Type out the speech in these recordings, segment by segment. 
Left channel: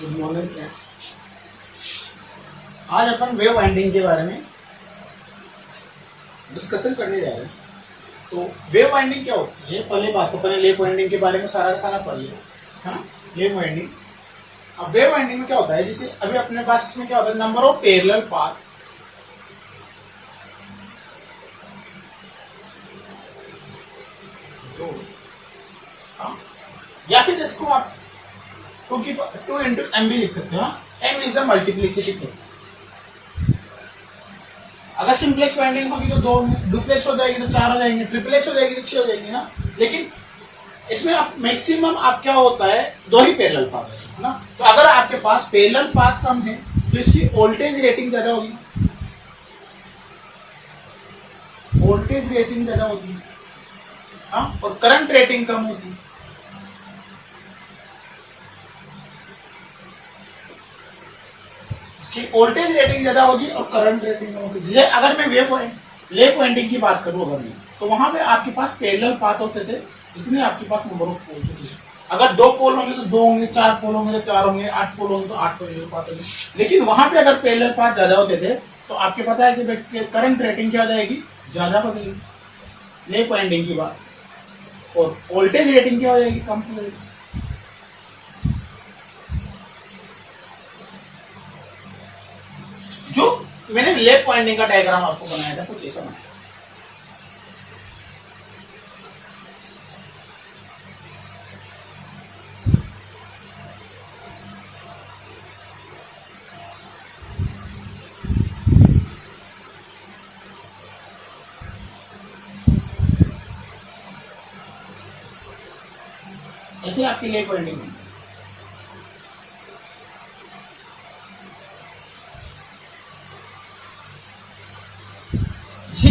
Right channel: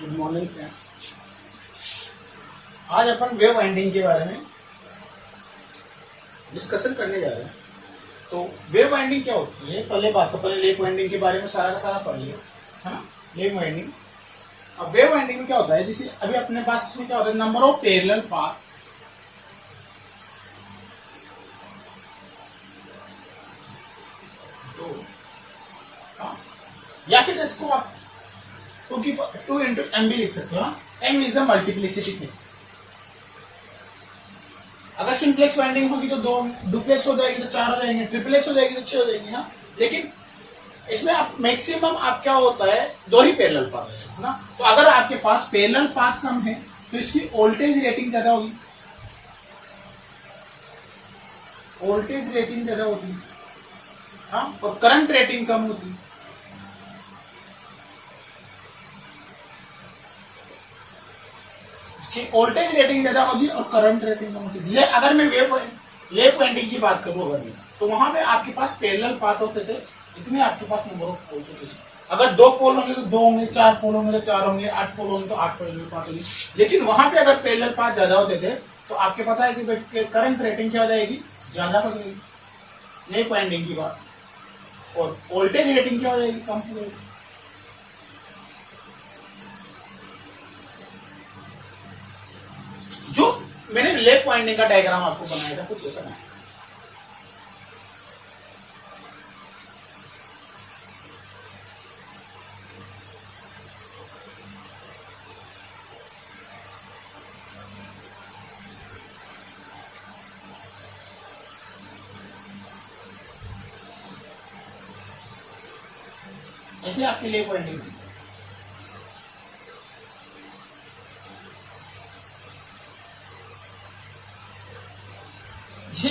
Good morning friends. आज अपन wave winding के बारे में डिस्कशन करने जा रहे हैं। तो वेव वाइंडिंग क्या होती है, पहले बात तो पहले लेप वाइंडिंग के बारे में सारा का सारा पढ़ लिया है ना। लेप वाइंडिंग, अब वेव वाइंडिंग में क्या होता है, जैसे अभी अपने पास इसमें क्या होता है, नंबर ऑफ पैरेलल पाथ दो, हाँ? या फिर इसको आप टू इंटू एम भी लिख सकते हो। M is the multiplicity thing. अगर सिंप्लेक्स वाइंडिंग होगी तो दो, डुप्लेक्स हो जाएगी तो चार हो जाएंगे, ट्रिपलेक्स हो जाएगी तो छह हो जाएंगे ना। लेकिन इसमें आप मैक्सिमम आप क्या होता है, दो ही पैरेलल पाथ है ना। तो अगर आपके पास पैरेलल पाथ कम है तो इसकी वोल्टेज रेटिंग ज्यादा होगी, वोल्टेज रेटिंग ज्यादा होगी, हाँ, और करंट रेटिंग कम होती। इसकी वोल्टेज रेटिंग ज्यादा होगी और करंट रेटिंग कम होगी। अगर मैं लेप वाइंडिंग की बात करूं अगर मैं, तो वहां पे आपके पास पैरेलल पाथ होते थे जितने आपके पास नंबर ऑफ पोल्स होते थे। अगर दो पोल होंगे तो दो होंगे, चार पोल होंगे तो चार होंगे, आठ पोल होंगे तो आठ पैरेलल पाथ होंगे। लेकिन वहां पे अगर पैरेलल पाथ ज्यादा होते थे तो आपके पता है कि करंट रेटिंग क्या हो जाएगी, ज्यादा हो जाएगी लेप वाइंडिंग की बात, और वोल्टेज रेटिंग क्या हो जाएगी, कम हो जाएगी। जो मैंने लेप वाइंडिंग का डायग्राम आपको बनाया था कुछ ऐसा बनाया। ऐसे आपकी लेप वाइंडिंग है।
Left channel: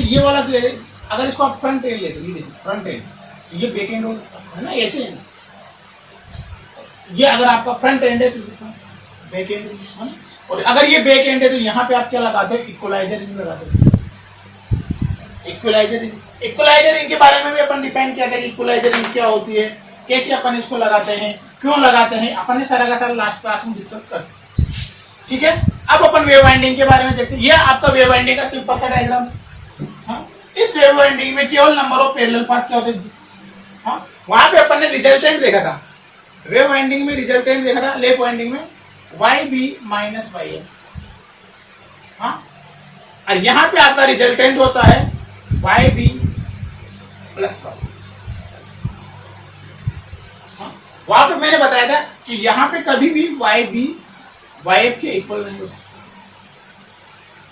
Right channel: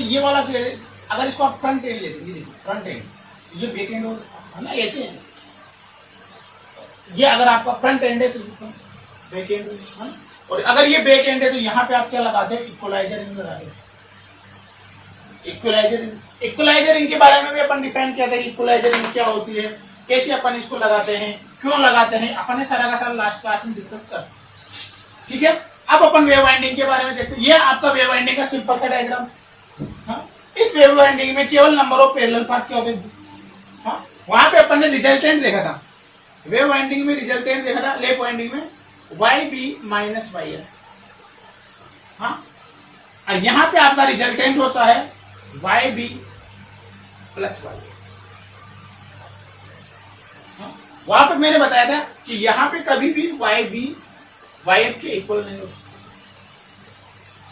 ये वाला अगर इसको आप फ्रंट एंड लेते, ये देखिए फ्रंट एंड, ये बैक एंड है ना, ऐसे ये अगर आपका फ्रंट एंड है तो बैक एंड है ना। और अगर ये बैक एंड है तो यहाँ पे आप क्या लगाते हो, इक्वलाइजर रिंग लगाते हो। इक्वलाइजर रिंग के बारे में भी अपन डिपेंड किया था कि इक्वलाइजर रिंग क्या होती है, कैसे अपन इसको लगाते हैं, क्यों लगाते हैं, अपन ने सारा का सारा लास्ट क्लास में डिस्कस कर चुके। ठीक है, अब अपन वेव वाइंडिंग के बारे में देखते हैं। ये आपका वेव वाइंडिंग का सिंपल सा डायग्राम। इस वेव वाइंडिंग में केवल नंबर ऑफ पैरेलल पाथ क्या होते हैं, हाँ, वहां पे अपन ने रिजल्टेंट देखा था। वेव वाइंडिंग में रिजल्टेंट देखा था, लेप वाइंडिंग में Y B minus Y F, हाँ, और यहां पे आपका रिजल्टेंट होता है वाई बी प्लस वाई। वहां पे मैंने बताया था कि यहां पे कभी भी वाई बी वाई एफ के इक्वल नहीं हो सकता।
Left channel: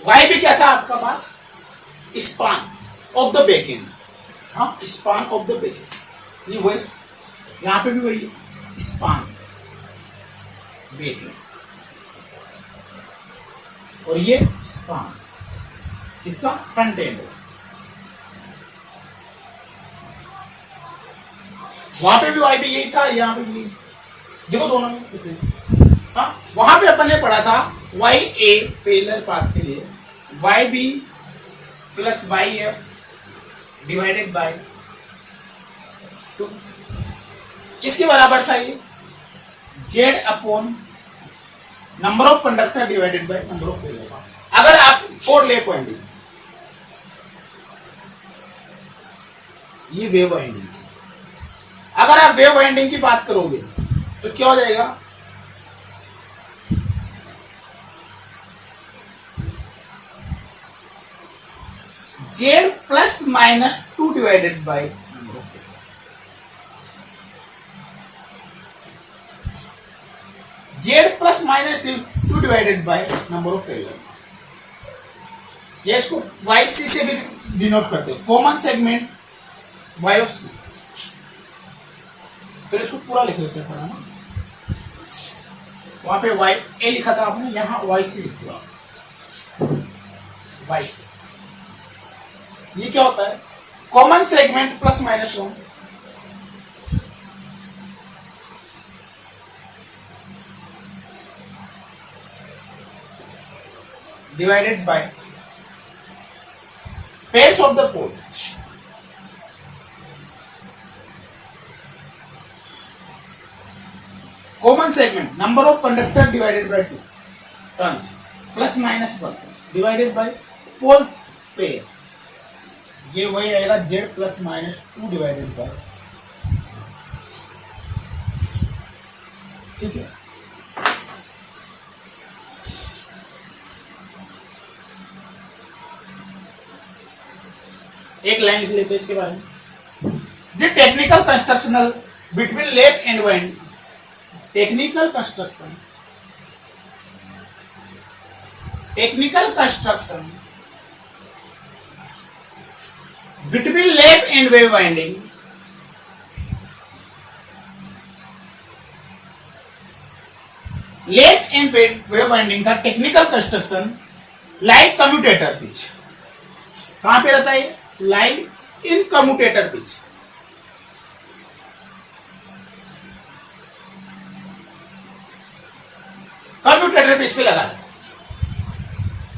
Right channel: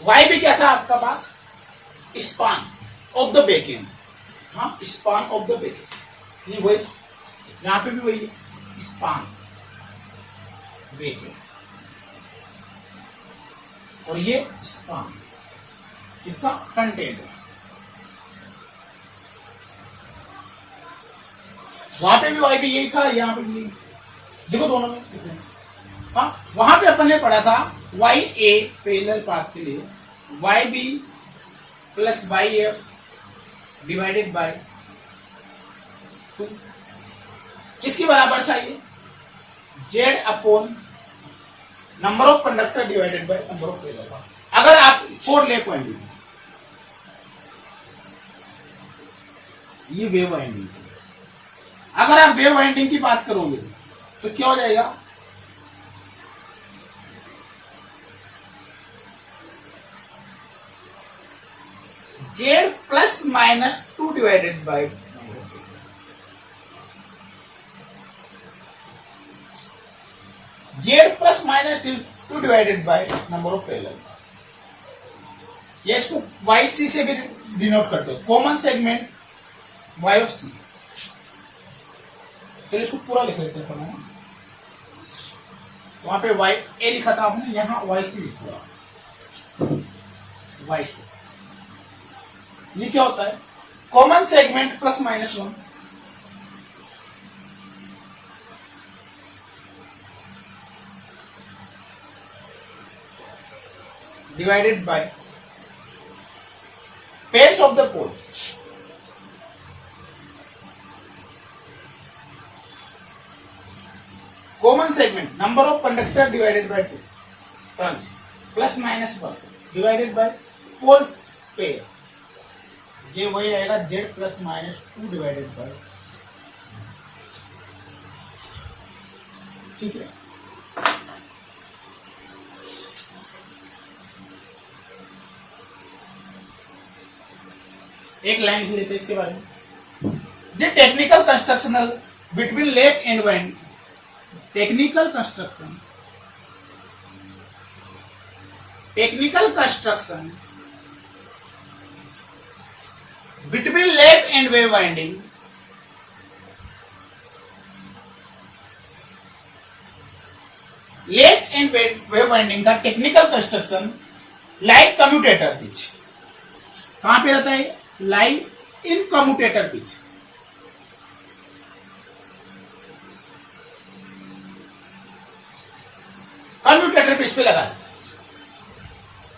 वाई बी क्या था आपका पास, span of the back end, हाँ, span of the back end, नहीं वही, यहां पे भी वही है, स्पान बैक एंड, और ये स्पान इसका फ्रंट एंड है। वहां पे भी वाई बी यही था, यहाँ पे भी यही, देखो दोनों में डिफरेंस। हाँ, वहां पे अपन ने पढ़ा था वाई ए पैरेलल पाथ के लिए Y B plus Y F divided by 2, किसके बराबर था ये, Z upon number of conductor divided by number of parallel path. अगर आप फोर लेप वाइंडिंग, ये वेव वाइंडिंग, अगर आप वेव वाइंडिंग की बात करोगे तो क्या हो जाएगा, Z plus minus 2 divided by number of, Z plus minus 2 divided by number of parallel. ये इसको वाई सी से भी डिनोट करते हो, कॉमन सेगमेंट वाई ऑफ सी। चलो इसको पूरा लिख लेते हैं ना, वहां पे वाई ए लिखा था आपने, यहां वाई सी लिख दिया, वाई सी। ये क्या होता है, common segment plus minus 1, divided by pairs of the pole. Common segment number of conductor divided by 2 turns plus minus 1 divided by poles pair, ये वही आएगा z plus minus 2 divided by, ठीक है। एक लाइन लिख लेते हैं इसके बारे में। The technical constructional between lap and wind, technical construction between lap and wave winding lap and wave winding का technical construction like commutator pitch, कहां पे रहता है? Like in commutator pitch, commutator pitch पे लगा है।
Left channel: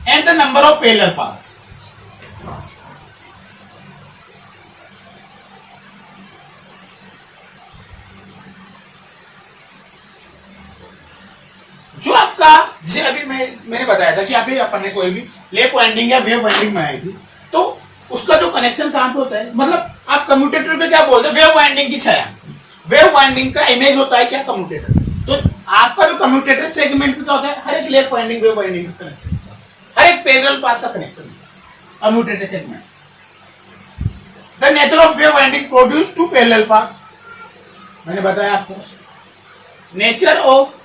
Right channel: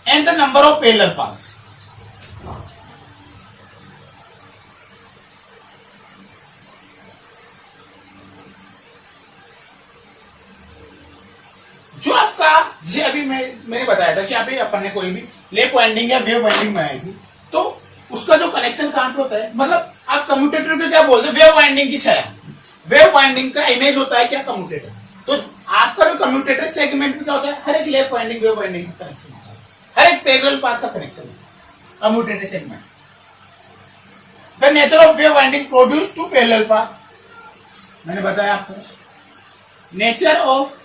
And the number of parallel paths, जो आपका, जैसे अभी मैंने बताया था कि अभी अपन ने कोई भी लैप वाइंडिंग या वेव वाइंडिंग में आई थी, तो उसका जो कनेक्शन कहां पे होता है, मतलब आप कम्यूटेटर को क्या बोलते हैं? वेव वाइंडिंग की छाया। वेव वाइंडिंग का इमेज होता है क्या? कम्यूटेटर। तो आपका जो कम्यूटेटर सेगमेंट में क्या होता है? हर एक लैप वाइंडिंग वेव वाइंडिंग का कनेक्शन होता है, हर एक पैरेलल पाथ का connection commutator segment. The nature of wave winding produce two parallel path, मैंने बताया आपको। Nature of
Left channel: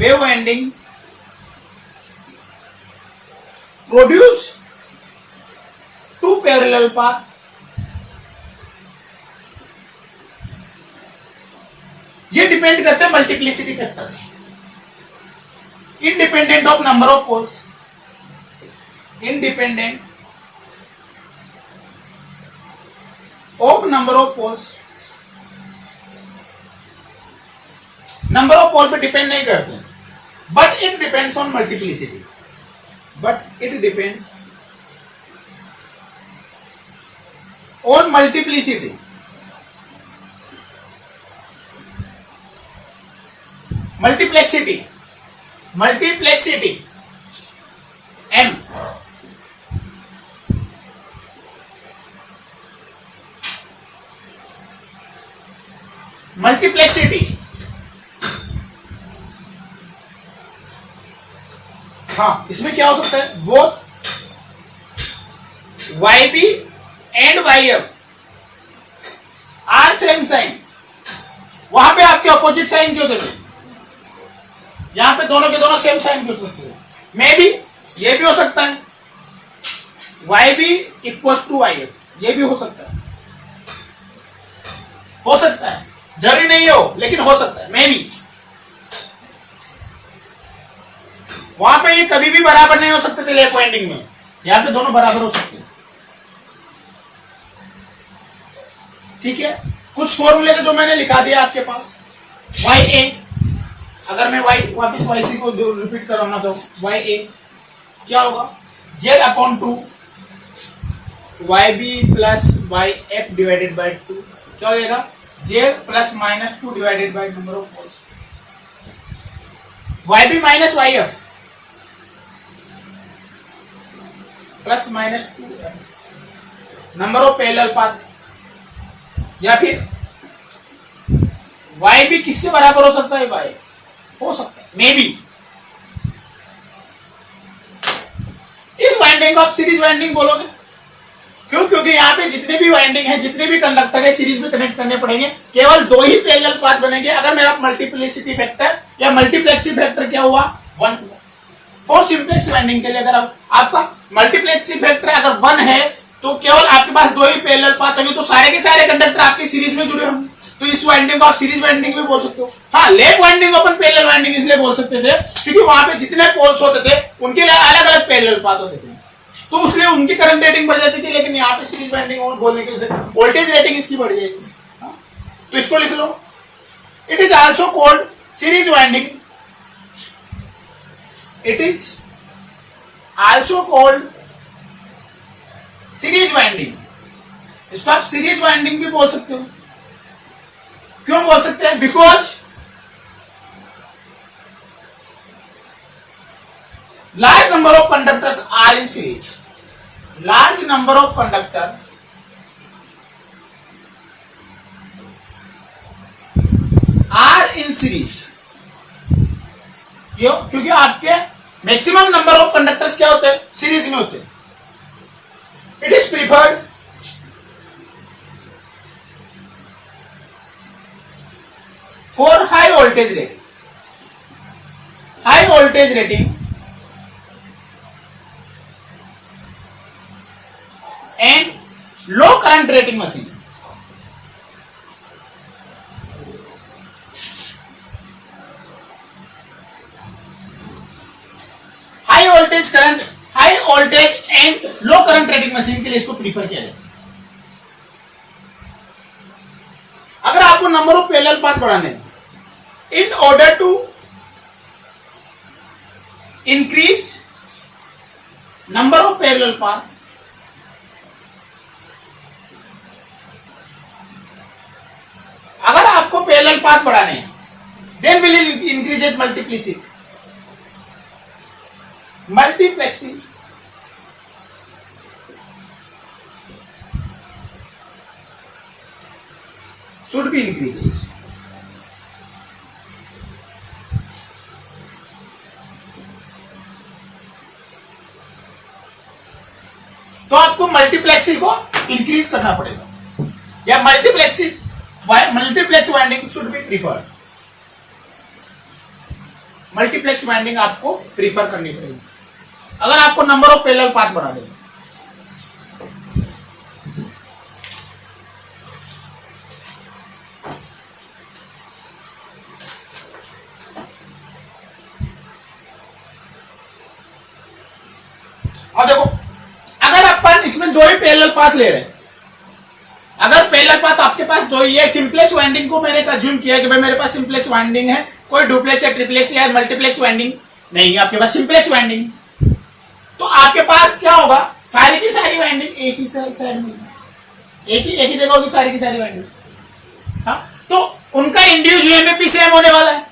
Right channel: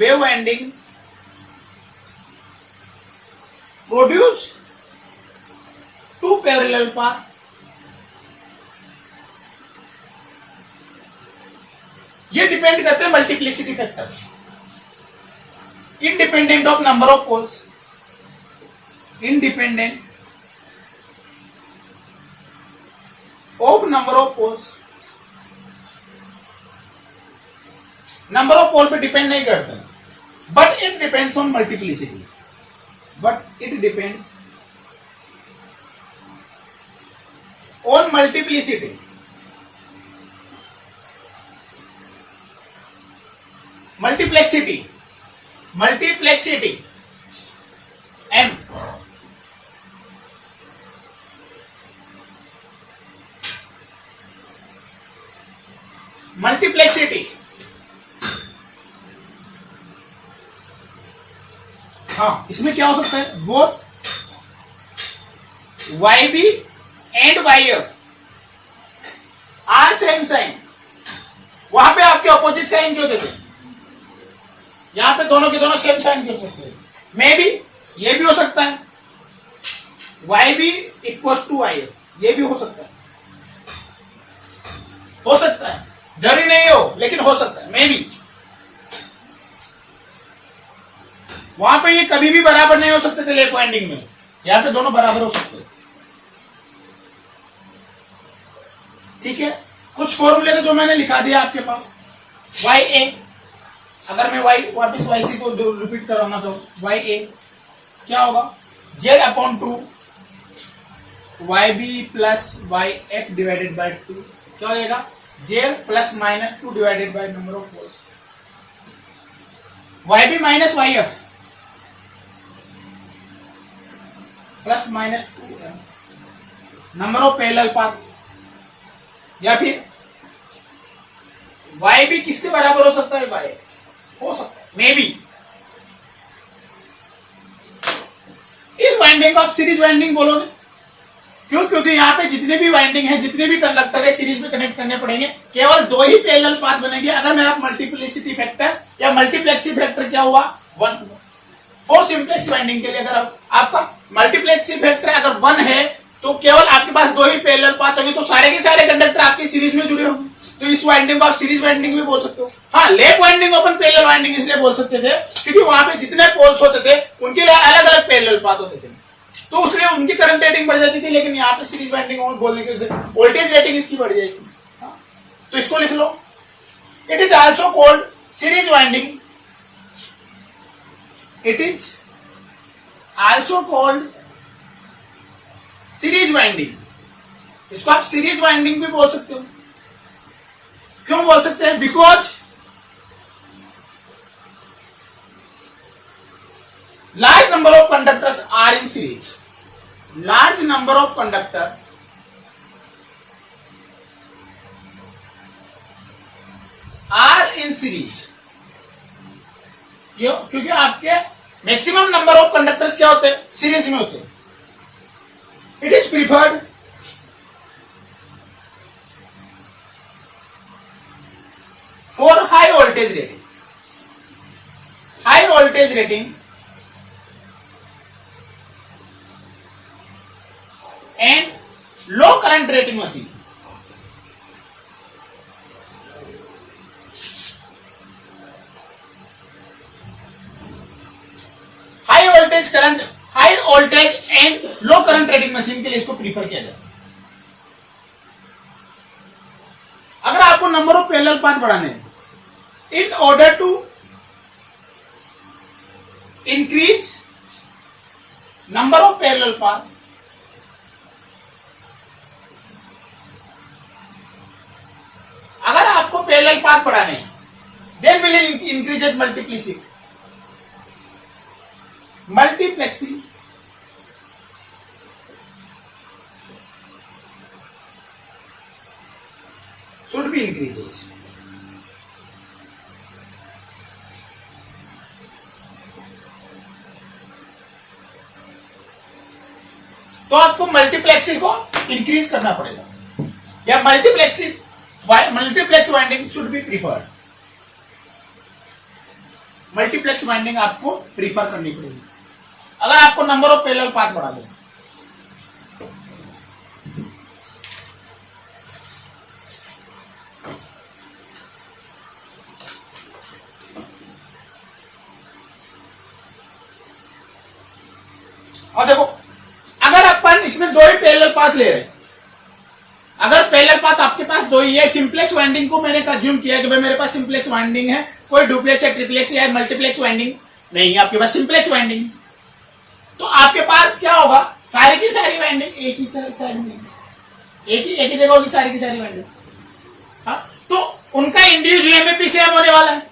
wave winding produce two parallel path, ये डिपेंड करते हैं multiplicity factor, independent of number of poles, independent of number of poles. Number of pole पे depend नहीं करते, but it depends on multiplicity, but it depends on multiplicity. Multiplicity, multiplicity M, multiplicity, हाँ, इसमें क्या हो सकता है? Both YB and YF are same sign, वहां पे आपके अपोजिट साइन क्यों देते? यहां पे दोनों के दोनों सेम साइन क्यों सकते हैं? मे बी ये भी हो सकता है, YB इक्वल्स टू YF, ये भी हो सकता है, जरूरी नहीं हो लेकिन हो सकता है, मे बी। वहां पे ये कभी भी बराबर नहीं हो सकते थे लेफ्ट वाइंडिंग में, यहां पे दोनों बराबर हो सकते हैं, ठीक है। कुछ फॉर्मूले थे जो मैंने लिखा दिया आपके पास। YA, अगर मैं y वापस YC को रिपीट कराना तो YA क्या होगा? Z upon 2 YB plus YF divided by 2, क्या हो जाएगा? Z plus minus 2 divided by number of poles. YB minus YF plus minus 2 number of parallel path, या फिर YB किसके बराबर हो सकता है? Y हो सकता है, मे बी। इस वाइंडिंग को आप सीरीज वाइंडिंग बोलोगे, क्यों? क्योंकि यहाँ पे जितने भी वाइंडिंग है, जितने भी कंडक्टर है, सीरीज में कनेक्ट करने पड़ेंगे, केवल 2 ही पैरेलल पाथ बनेंगे अगर मेरा मल्टीप्लिसिटी फैक्टर या मल्टीप्लेक्सिटी फैक्टर क्या हुआ? 1 हुआ। और सिंप्लेक्स वाइंडिंग के लिए अगर आपका मल्टीप्लेक्सिटी फैक्टर अगर 1 है तो केवल आपके पास 2 ही पैरेलल पाथ होंगे, तो सारे के सारे कंडक्टर आपके सीरीज में जुड़े होंगे, तो इस वाइंडिंग को आप सीरीज वाइंडिंग भी बोल सकते हो। हाँ, लैप वाइंडिंग अपन पैरेलल वाइंडिंग इसलिए बोल सकते थे क्योंकि वहां पे जितने पोल्स होते थे उनके लिए अलग अलग पैरेलल पाथ होते थे, तो इसलिए उनकी करंट रेटिंग बढ़ जाती थी। लेकिन यहाँ पे सीरीज वाइंडिंग बोलने की वजह से वोल्टेज रेटिंग इसकी बढ़ जाएगी। तो इसको लिख लो, it is also called series winding, it is also called series winding. इसको आप सीरीज वाइंडिंग भी बोल सकते हो। क्यों बोल सकते हैं? Because large number of conductors are in series. Large number of conductor are in series. क्यों? क्योंकि आपके मैक्सिमम नंबर ऑफ कंडक्टर्स क्या होते हैं? सीरीज में होते हैं. It is preferred for high voltage rating. High voltage rating and low current rating machine. High voltage current, high voltage and low current rating machine के लिए इसको प्रीफर किया जाए. अगर आपको नंबर ऑफ पैरेलल पाथ बढ़ाने हैं, in order to increase number of parallel path, अगर आपको पैरेलल पाथ बढ़ाने हैं, then will increase it multiplexing should be increased. तो आपको मल्टीप्लेक्सिंग को इंक्रीज करना पड़ेगा, या multiplex winding should be preferred. Multiplex winding आपको प्रीफर करनी पड़ेगी अगर आपको नंबर ऑफ पैरेलल पाथ बढ़ा दें. और देखो, अगर अपन इसमें दो ही पैरेलल पाथ ले रहे हैं, अगर पैरेलल पाथ आपके पास दो ही है, सिंपलेक्स वाइंडिंग को मैंने कंज्यूम किया कि भाई मेरे पास सिंपलेक्स वाइंडिंग है, कोई डुप्लेक्स या ट्रिप्लेक्स या मल्टीप्लेक्स वाइंडिंग नहीं है, आपके पास सिंपलेक्स वाइंडिंग. तो आपके पास क्या होगा? सारी की सारी वाइंडिंग एक ही साइड में, एक ही जगह होगी सारी की सारी वाइंडिंग. हाँ, तो उनका इंड्यूस ईएमएफ भी सेम होने वाला है.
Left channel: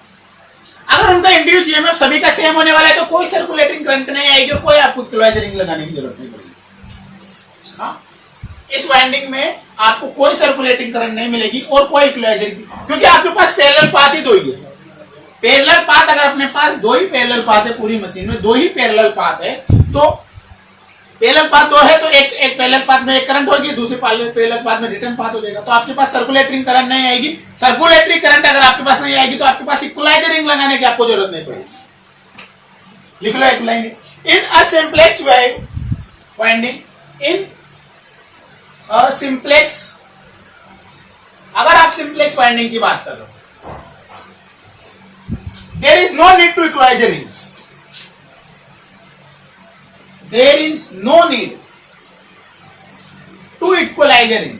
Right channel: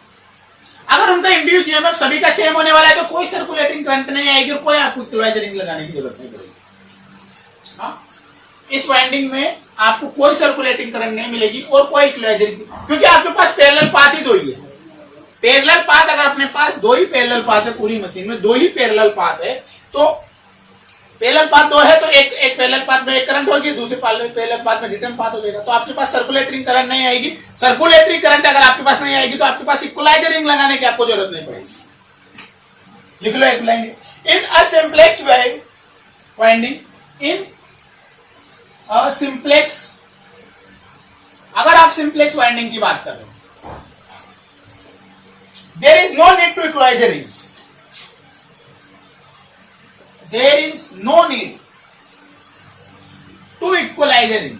अगर उनका इंड्यूस ईएमएफ सभी का सेम होने वाला है तो कोई सर्कुलेटिंग करंट नहीं आएगी, कोई आपको इक्विलाइजर रिंग लगाने की जरूरत नहीं पड़ेगी. हाँ, इस वाइंडिंग में आपको कोई सर्कुलेटिंग करंट नहीं मिलेगी और कोई इक्विलाइजर की, क्योंकि आपके पास पैरेलल पाथ ही दो ही है. पैरेलल पाथ, अगर अपने पास दो ही पैरेलल पाथ है, पूरी मशीन में दो ही पैरेलल पाथ है, तो पैरेलल पाथ दो है तो एक पैरेलल पाथ में एक करंट होगी, दूसरे पैरेलल पाथ में रिटर्न पाथ हो जाएगा. तो आपके पास सर्कुलेटिंग करंट नहीं आएगी. सर्कुलेटरी करंट अगर आपके पास नहीं आएगी तो आपके पास इक्विलाइजर रिंग लगाने की आपको जरूरत नहीं पड़ेगी. लिख लो इक्विलाइजर. इन अ सिंपलेक्स वाइंडिंग, इन अ सिंपलेक्स, अगर आप सिंपलेक्स वाइंडिंग की बात कर रहे हो, there is no need to equalize rings. There is no need to equalize ring.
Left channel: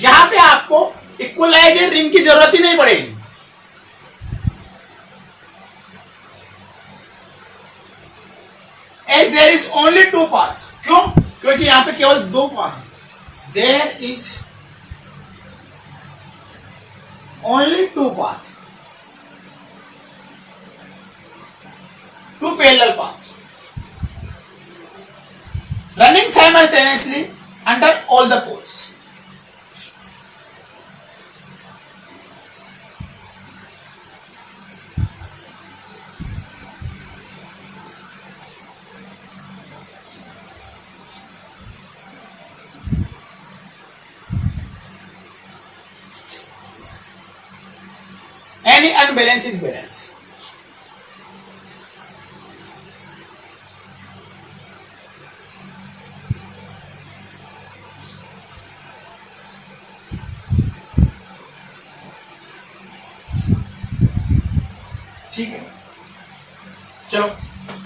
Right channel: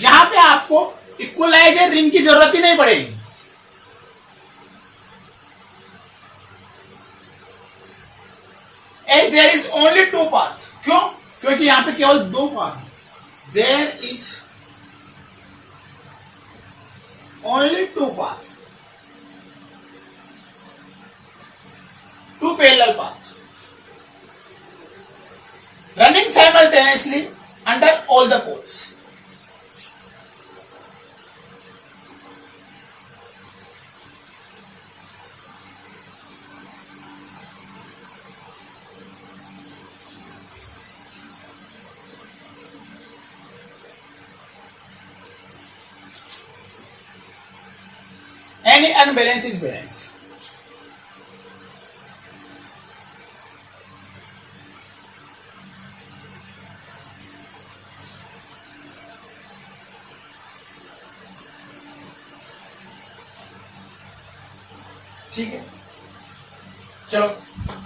यहां पे आपको इक्वलाइजर रिंग की जरूरत ही नहीं पड़ेगी. As there is only two paths. क्यों? क्योंकि यहां पे केवल दो पाथ हैं. There is only two paths, two parallel paths running simultaneously under all the poles. Any unbalance is balance. ठीक है, चलो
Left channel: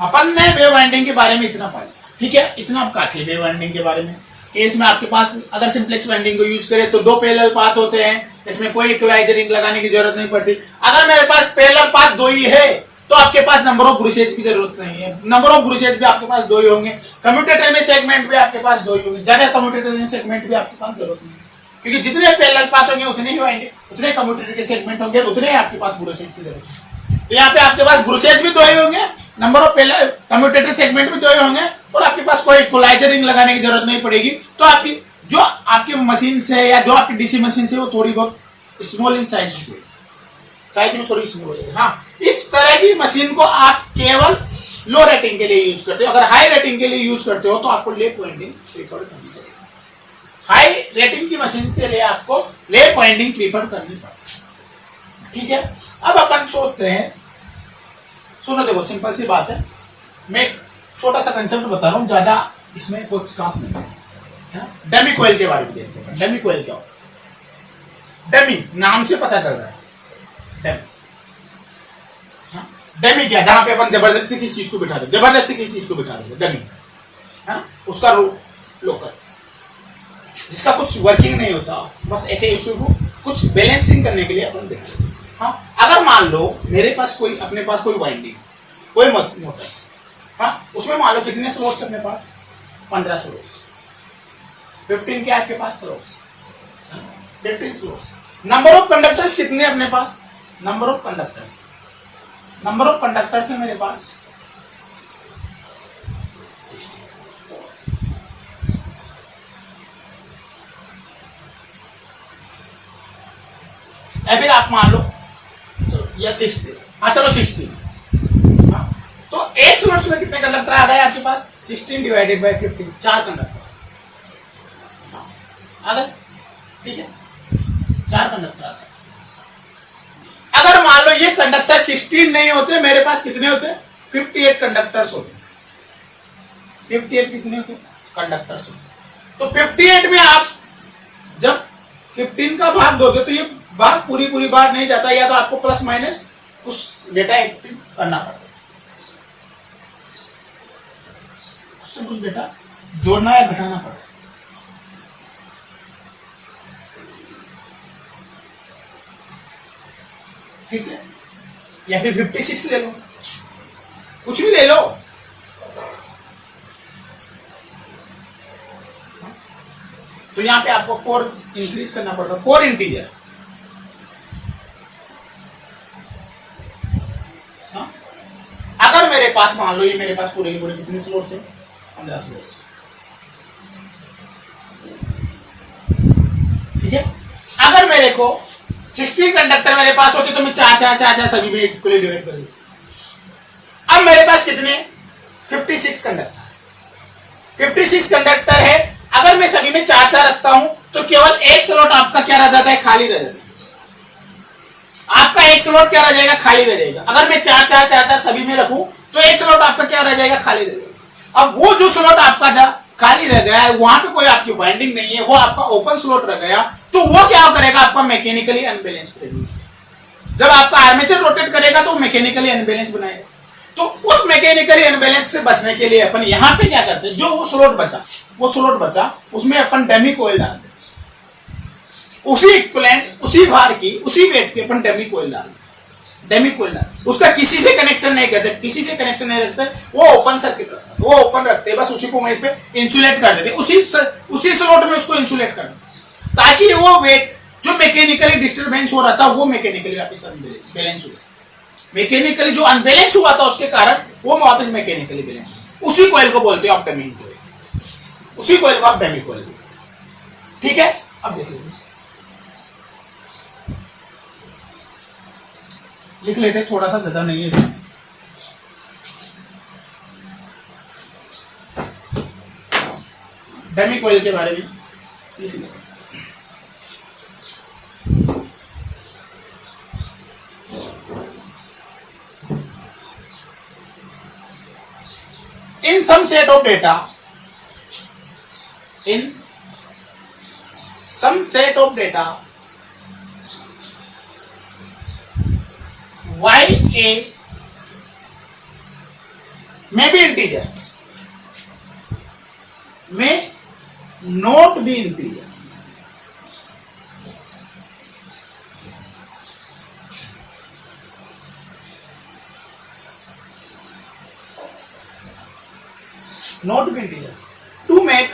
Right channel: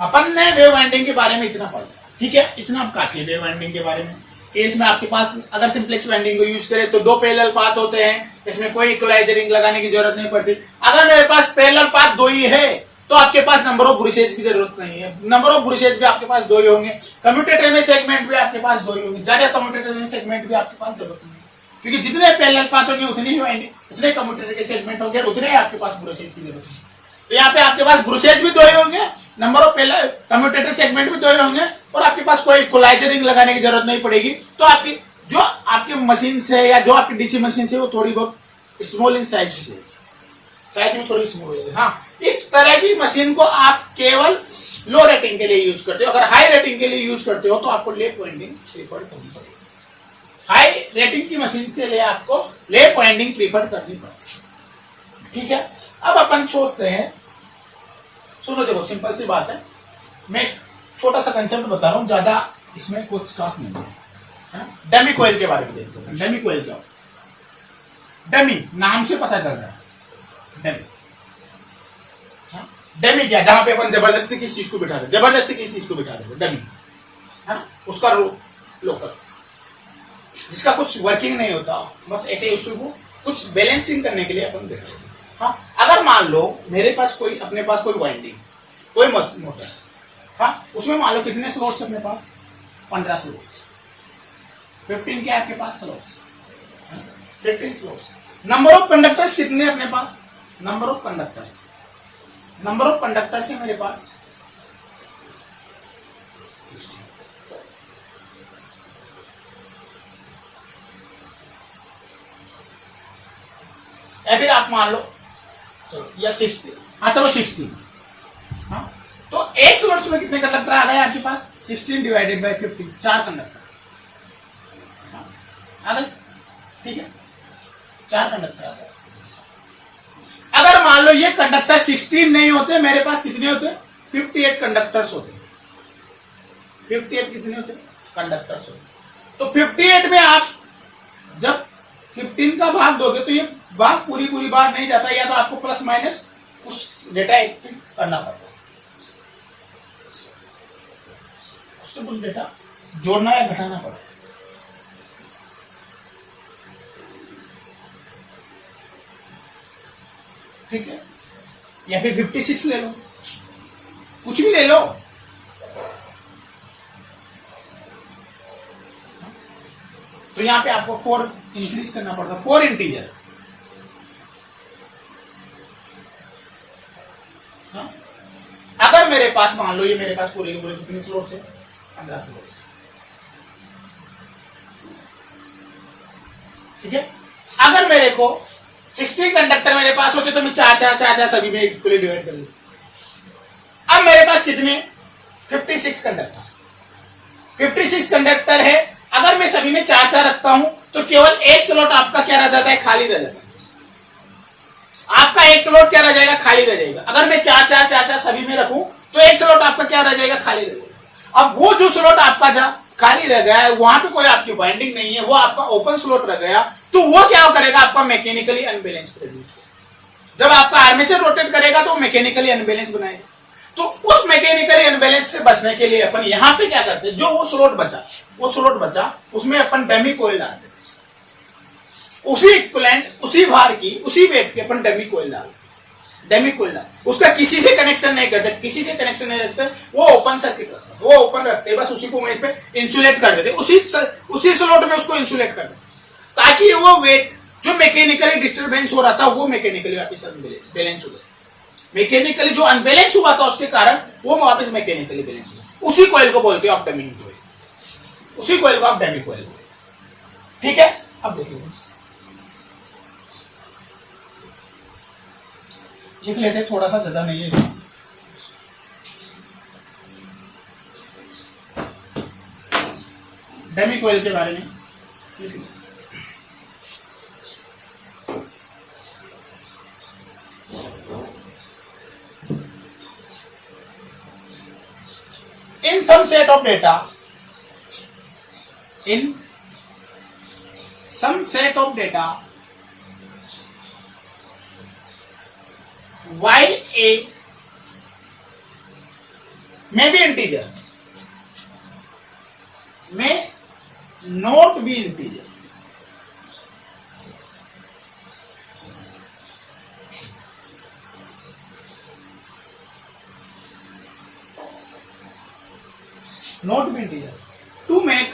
अपन ने वेव वाइंडिंग के बारे में इतना पढ़ा. ठीक है, इतना अब काफी है वेव वाइंडिंग के बारे में. इसमें आपके पास अगर सिंपलेक्स वाइंडिंग को यूज करें तो दो पैरेलल पाथ होते हैं, इसमें कोई इक्वलाइजर रिंग लगाने की जरूरत नहीं पड़ती. अगर मेरे पास पैरेलल पाथ दो ही है तो आपके पास नंबर ऑफ ब्रुशेज की जरूरत नहीं है। नंबर ऑफ ब्रुशेज भी आपके पास 2 ही होंगे। कम्यूटेटर में सेगमेंट भी आपके पास 2 ही होंगे, ज्यादा कम्यूटेटर में सेगमेंट भी आपके पास जरूरत नहीं है, क्योंकि जितने पैरेलल पाथ होंगे उतने ही होंगे, उतने कम्यूटेटर के सेगमेंट होंगे, उतने ही आपके पास ब्रुशेज की जरूरत है। तो यहाँ पे आपके पास ब्रुशेज भी 2 ही होंगे, नंबर ऑफ कम्यूटेटर सेगमेंट भी 2 ही होंगे, और आपके पास कोई इक्वलाइजर रिंग लगाने की जरूरत नहीं पड़ेगी। तो आपकी जो आपकी मशीन से या जो आपकी डीसी मशीन से वो थोड़ी बहुत स्मॉल इन साइज में थोड़ी स्मॉल हो जाएगी। हाँ, इस तरह की मशीन को आप केवल लो रेटिंग के लिए यूज करते हो। अगर हाई रेटिंग के लिए यूज करते हो तो आपको लेप वाइंडिंग प्रीफर करनी पड़ेगी। हाई रेटिंग की मशीन के लिए आपको लेप वाइंडिंग प्रीफर करनी पड़ेगी। ठीक है, अब अपन सोचते हैं, सुनो देखो सिंपल सी बात है, मैं छोटा सा कंसेप्ट बता रहा हूं, ज्यादा इसमें कुछ खास नहीं है। डमी कोयल के बारे में देखते हैं। डमी कोयल क्या होता है? डमी नाम से पता चल रहा है, डमी। डमी क्या, जहां पे अपन जबरदस्ती किस चीज को बिठा दे, जबरदस्ती किस चीज को बिठा दे, डमी है ना, उसका लोकल, जिसका कुछ वर्किंग नहीं होता, बस ऐसे इश्यू को कुछ बैलेंसिंग करने के लिए अपन बिठा देते। हाँ, अगर मान लो मेरे पास कोई, अपने पास कोई वाइंडिंग, कोई मोटर्स, हाँ, उसमें मान लो कितने स्लॉट्स अपने पास? 15 स्लॉट्स, 15 के आपके पास slots, 15 slots. Number of conductors कितने अपने पास? नंबर ऑफ कंडक्टर्स है मेरे पास 60। या फिर आप मान लो चलो या 60, हाँ चलो 60, हाँ, तो एक स्लॉट्स में कितने कंडक्टर आ गए आपके पास? 16 डिवाइडेड बाय 15, 4 कंडक्टर आ गए। ठीक है, 4 कंडक्टर आ गए। अगर मान लो ये कंडक्टर 16 नहीं होते, मेरे पास कितने होते? 58 कंडक्टर्स होते। 58 कितने होते? कंडक्टर्स होते। तो 58 में आप जब 15 का भाग दोगे तो ये भाग पूरी बार नहीं जाता, या तो आपको प्लस माइनस उस डेटा एक्टिव करना पड़ता है, उससे कुछ डेटा जोड़ना या घटाना पड़ता है। ठीक है, या फिर 56 ले लो, कुछ भी ले लो। तो यहां पे आपको 4 इंक्रीज करना पड़ता है, 4 इंटीजर। हाँ? अगर मेरे पास मान लो ये मेरे पास पूरे कितने स्लॉट्स है? 15 स्लॉट्स। ठीक है, अगर मेरे को 16 कंडक्टर मेरे पास होते तो मैं 4 सभी में इक्वली डिवाइड कर दूं। अब मेरे पास कितने? 56 कंडक्टर, 56 कंडक्टर है। अगर मैं सभी में 4 रखता हूं तो केवल एक स्लॉट आपका क्या रह जाता है? खाली रह जाता है। आपका एक स्लॉट क्या रह जाएगा? खाली रह जाएगा। अगर मैं 4 सभी में रखूं तो एक स्लॉट आपका क्या रह जाएगा? खाली रह जाएगा। अब वो जो स्लॉट आपका खाली रह गया है, वहां पे कोई आपकी बाइंडिंग नहीं है, वो आपका ओपन स्लॉट रह गया, तो वो क्या करेगा? आपका मैकेनिकली अनबैलेंस करेगा। जब आपका आर्मेचर रोटेट करेगा तो मैकेनिकली अनबैलेंस बनाएगा। तो उस मैकेनिकली अनबैलेंस से बचने के लिए अपन यहां पे क्या करते हैं? जो वो स्लॉट बचा उसमें अपन डमी कोयल डाल देते, उसी इक्विवेलेंट, उसी भार की, उसी वेट की अपन डमी कोयल डाल, उसका किसी से कनेक्शन नहीं करते, किसी से कनेक्शन नहीं रखते, वो ओपन सर्किट रखते, वो ओपन रखते, बस उसी को वहीं पे इंसुलेट कर देते, उसी स्लॉट में उसको इंसुलेट कर देते, ताकि वो वेट जो मैकेनिकली डिस्टर्बेंस हो रहा था वो मैकेनिकली वापस बैलेंस हो जाए। मैकेनिकली जो अनबैलेंस हुआ था उसके कारण वो वापस मैकेनिकली बैलेंस हो। उसी कॉइल को बोलते हो आप डमी कॉइल, उसी कॉइल को आप डमी कॉइल। ठीक है, अब देखिए लिख लेते हैं, थोड़ा सा ज्यादा नहीं है इसमें। डमी कॉइल के बारे में लिख लेते हैं। In some set of data, y a may be integer, may not be integer. not be integer. To make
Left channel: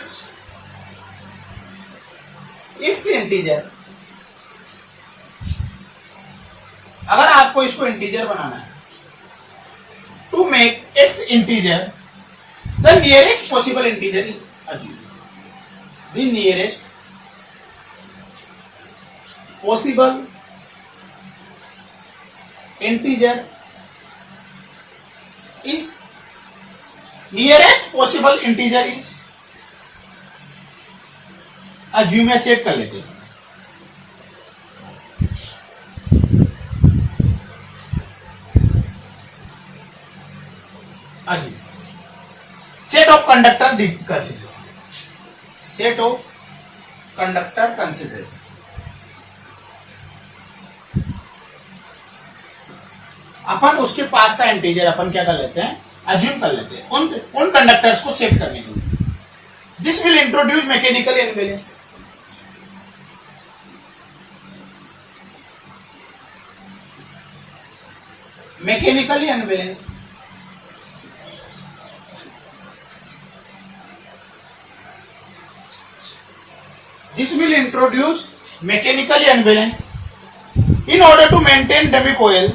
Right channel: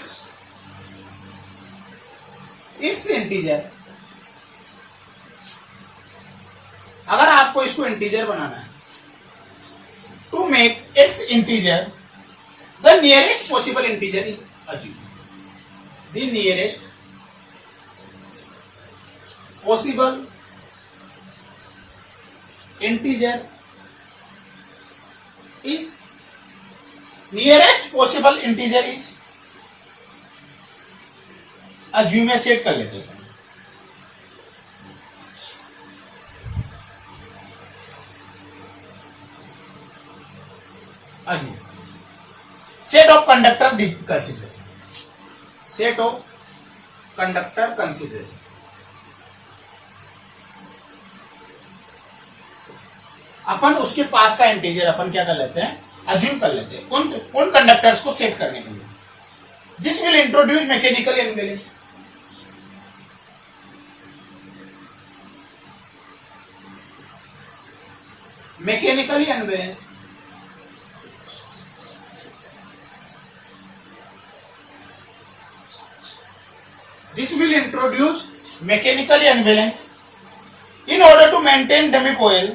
its integer, अगर आपको इसको इंटीजर बनाना है, to make its integer, the nearest possible integer is assumed. The nearest possible integer is assume या set कर लेते हैं. Set of conductor consideration. Set of conductor consideration. अपन उसके पास का इंटीजर अपन क्या कर लेते हैं, अज्यूम कर लेते हैं उन कंडक्टर्स को सेट करने के लिए. This will introduce mechanical unbalance. Mechanically unbalance. This will introduce mechanically unbalance in order to maintain dummy coil.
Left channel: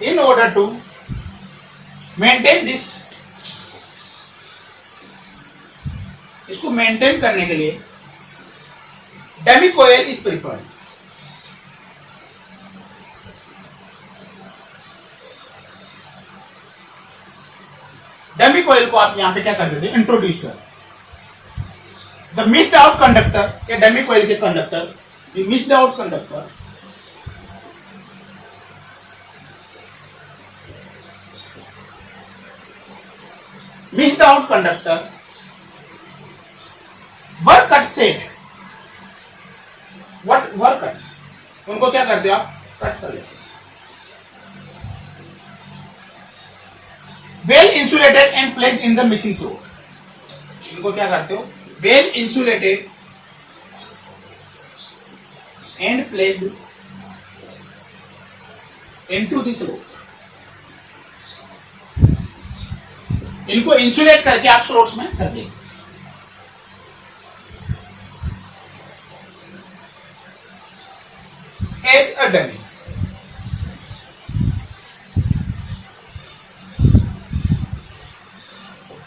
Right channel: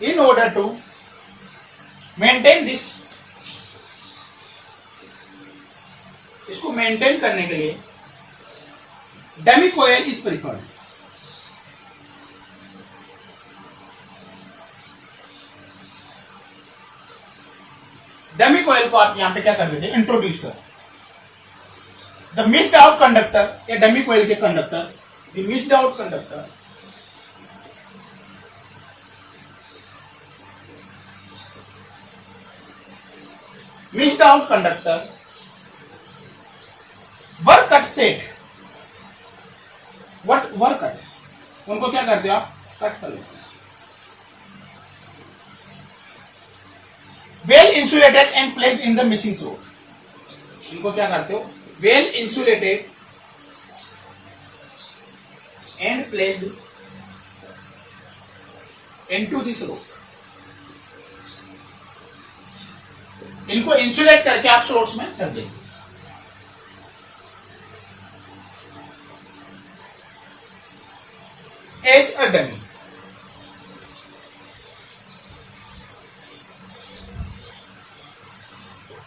In order to maintain this, इसको मेंटेन करने के लिए dummy coil is preferred. Dummy coil को आप यहां पे क्या कर देते हैं, इंट्रोड्यूस कर. द मिस्ड आउट कंडक्टर या डमी कोयल के conductors, the missed out conductor missed out conductor work cut set. Work cut, उनको क्या करते हो आप, कट कर लेते. Well insulated and placed in the missing स्रोत. इनको क्या करते हो, well insulated and placed into this स्रोत. इनको इंसुलेट करके आप स्रोत में कर देंगे. As a dummy.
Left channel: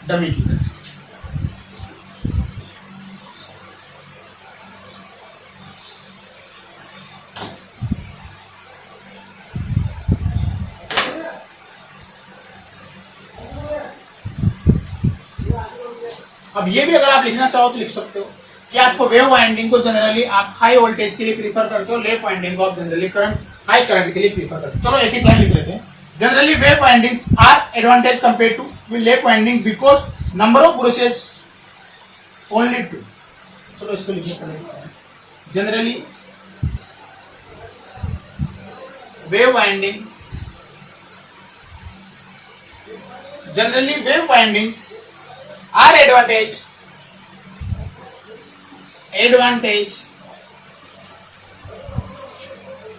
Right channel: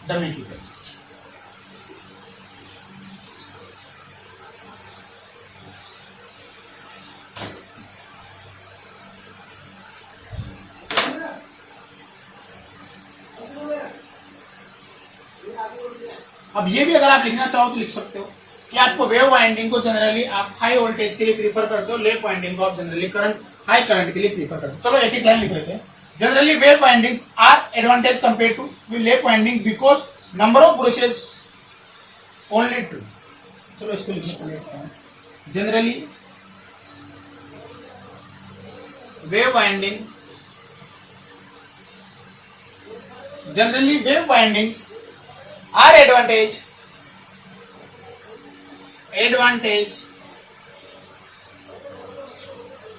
डमी की तरह. अब ये भी अगर आप लिखना चाहो तो लिख सकते हो कि आपको वेव वाइंडिंग को जनरली आप हाई वोल्टेज के लिए प्रीफर करते हो, लेप वाइंडिंग को आप जनरली हाई करंट के लिए प्रीफर करते हो. चलो एक एक लाइन लिख लेते हैं. Generally wave windings are advantage compare to lap winding because number of brushes only 2. चलो इसको लिखने पड़ेगा. Generally wave windings are advantage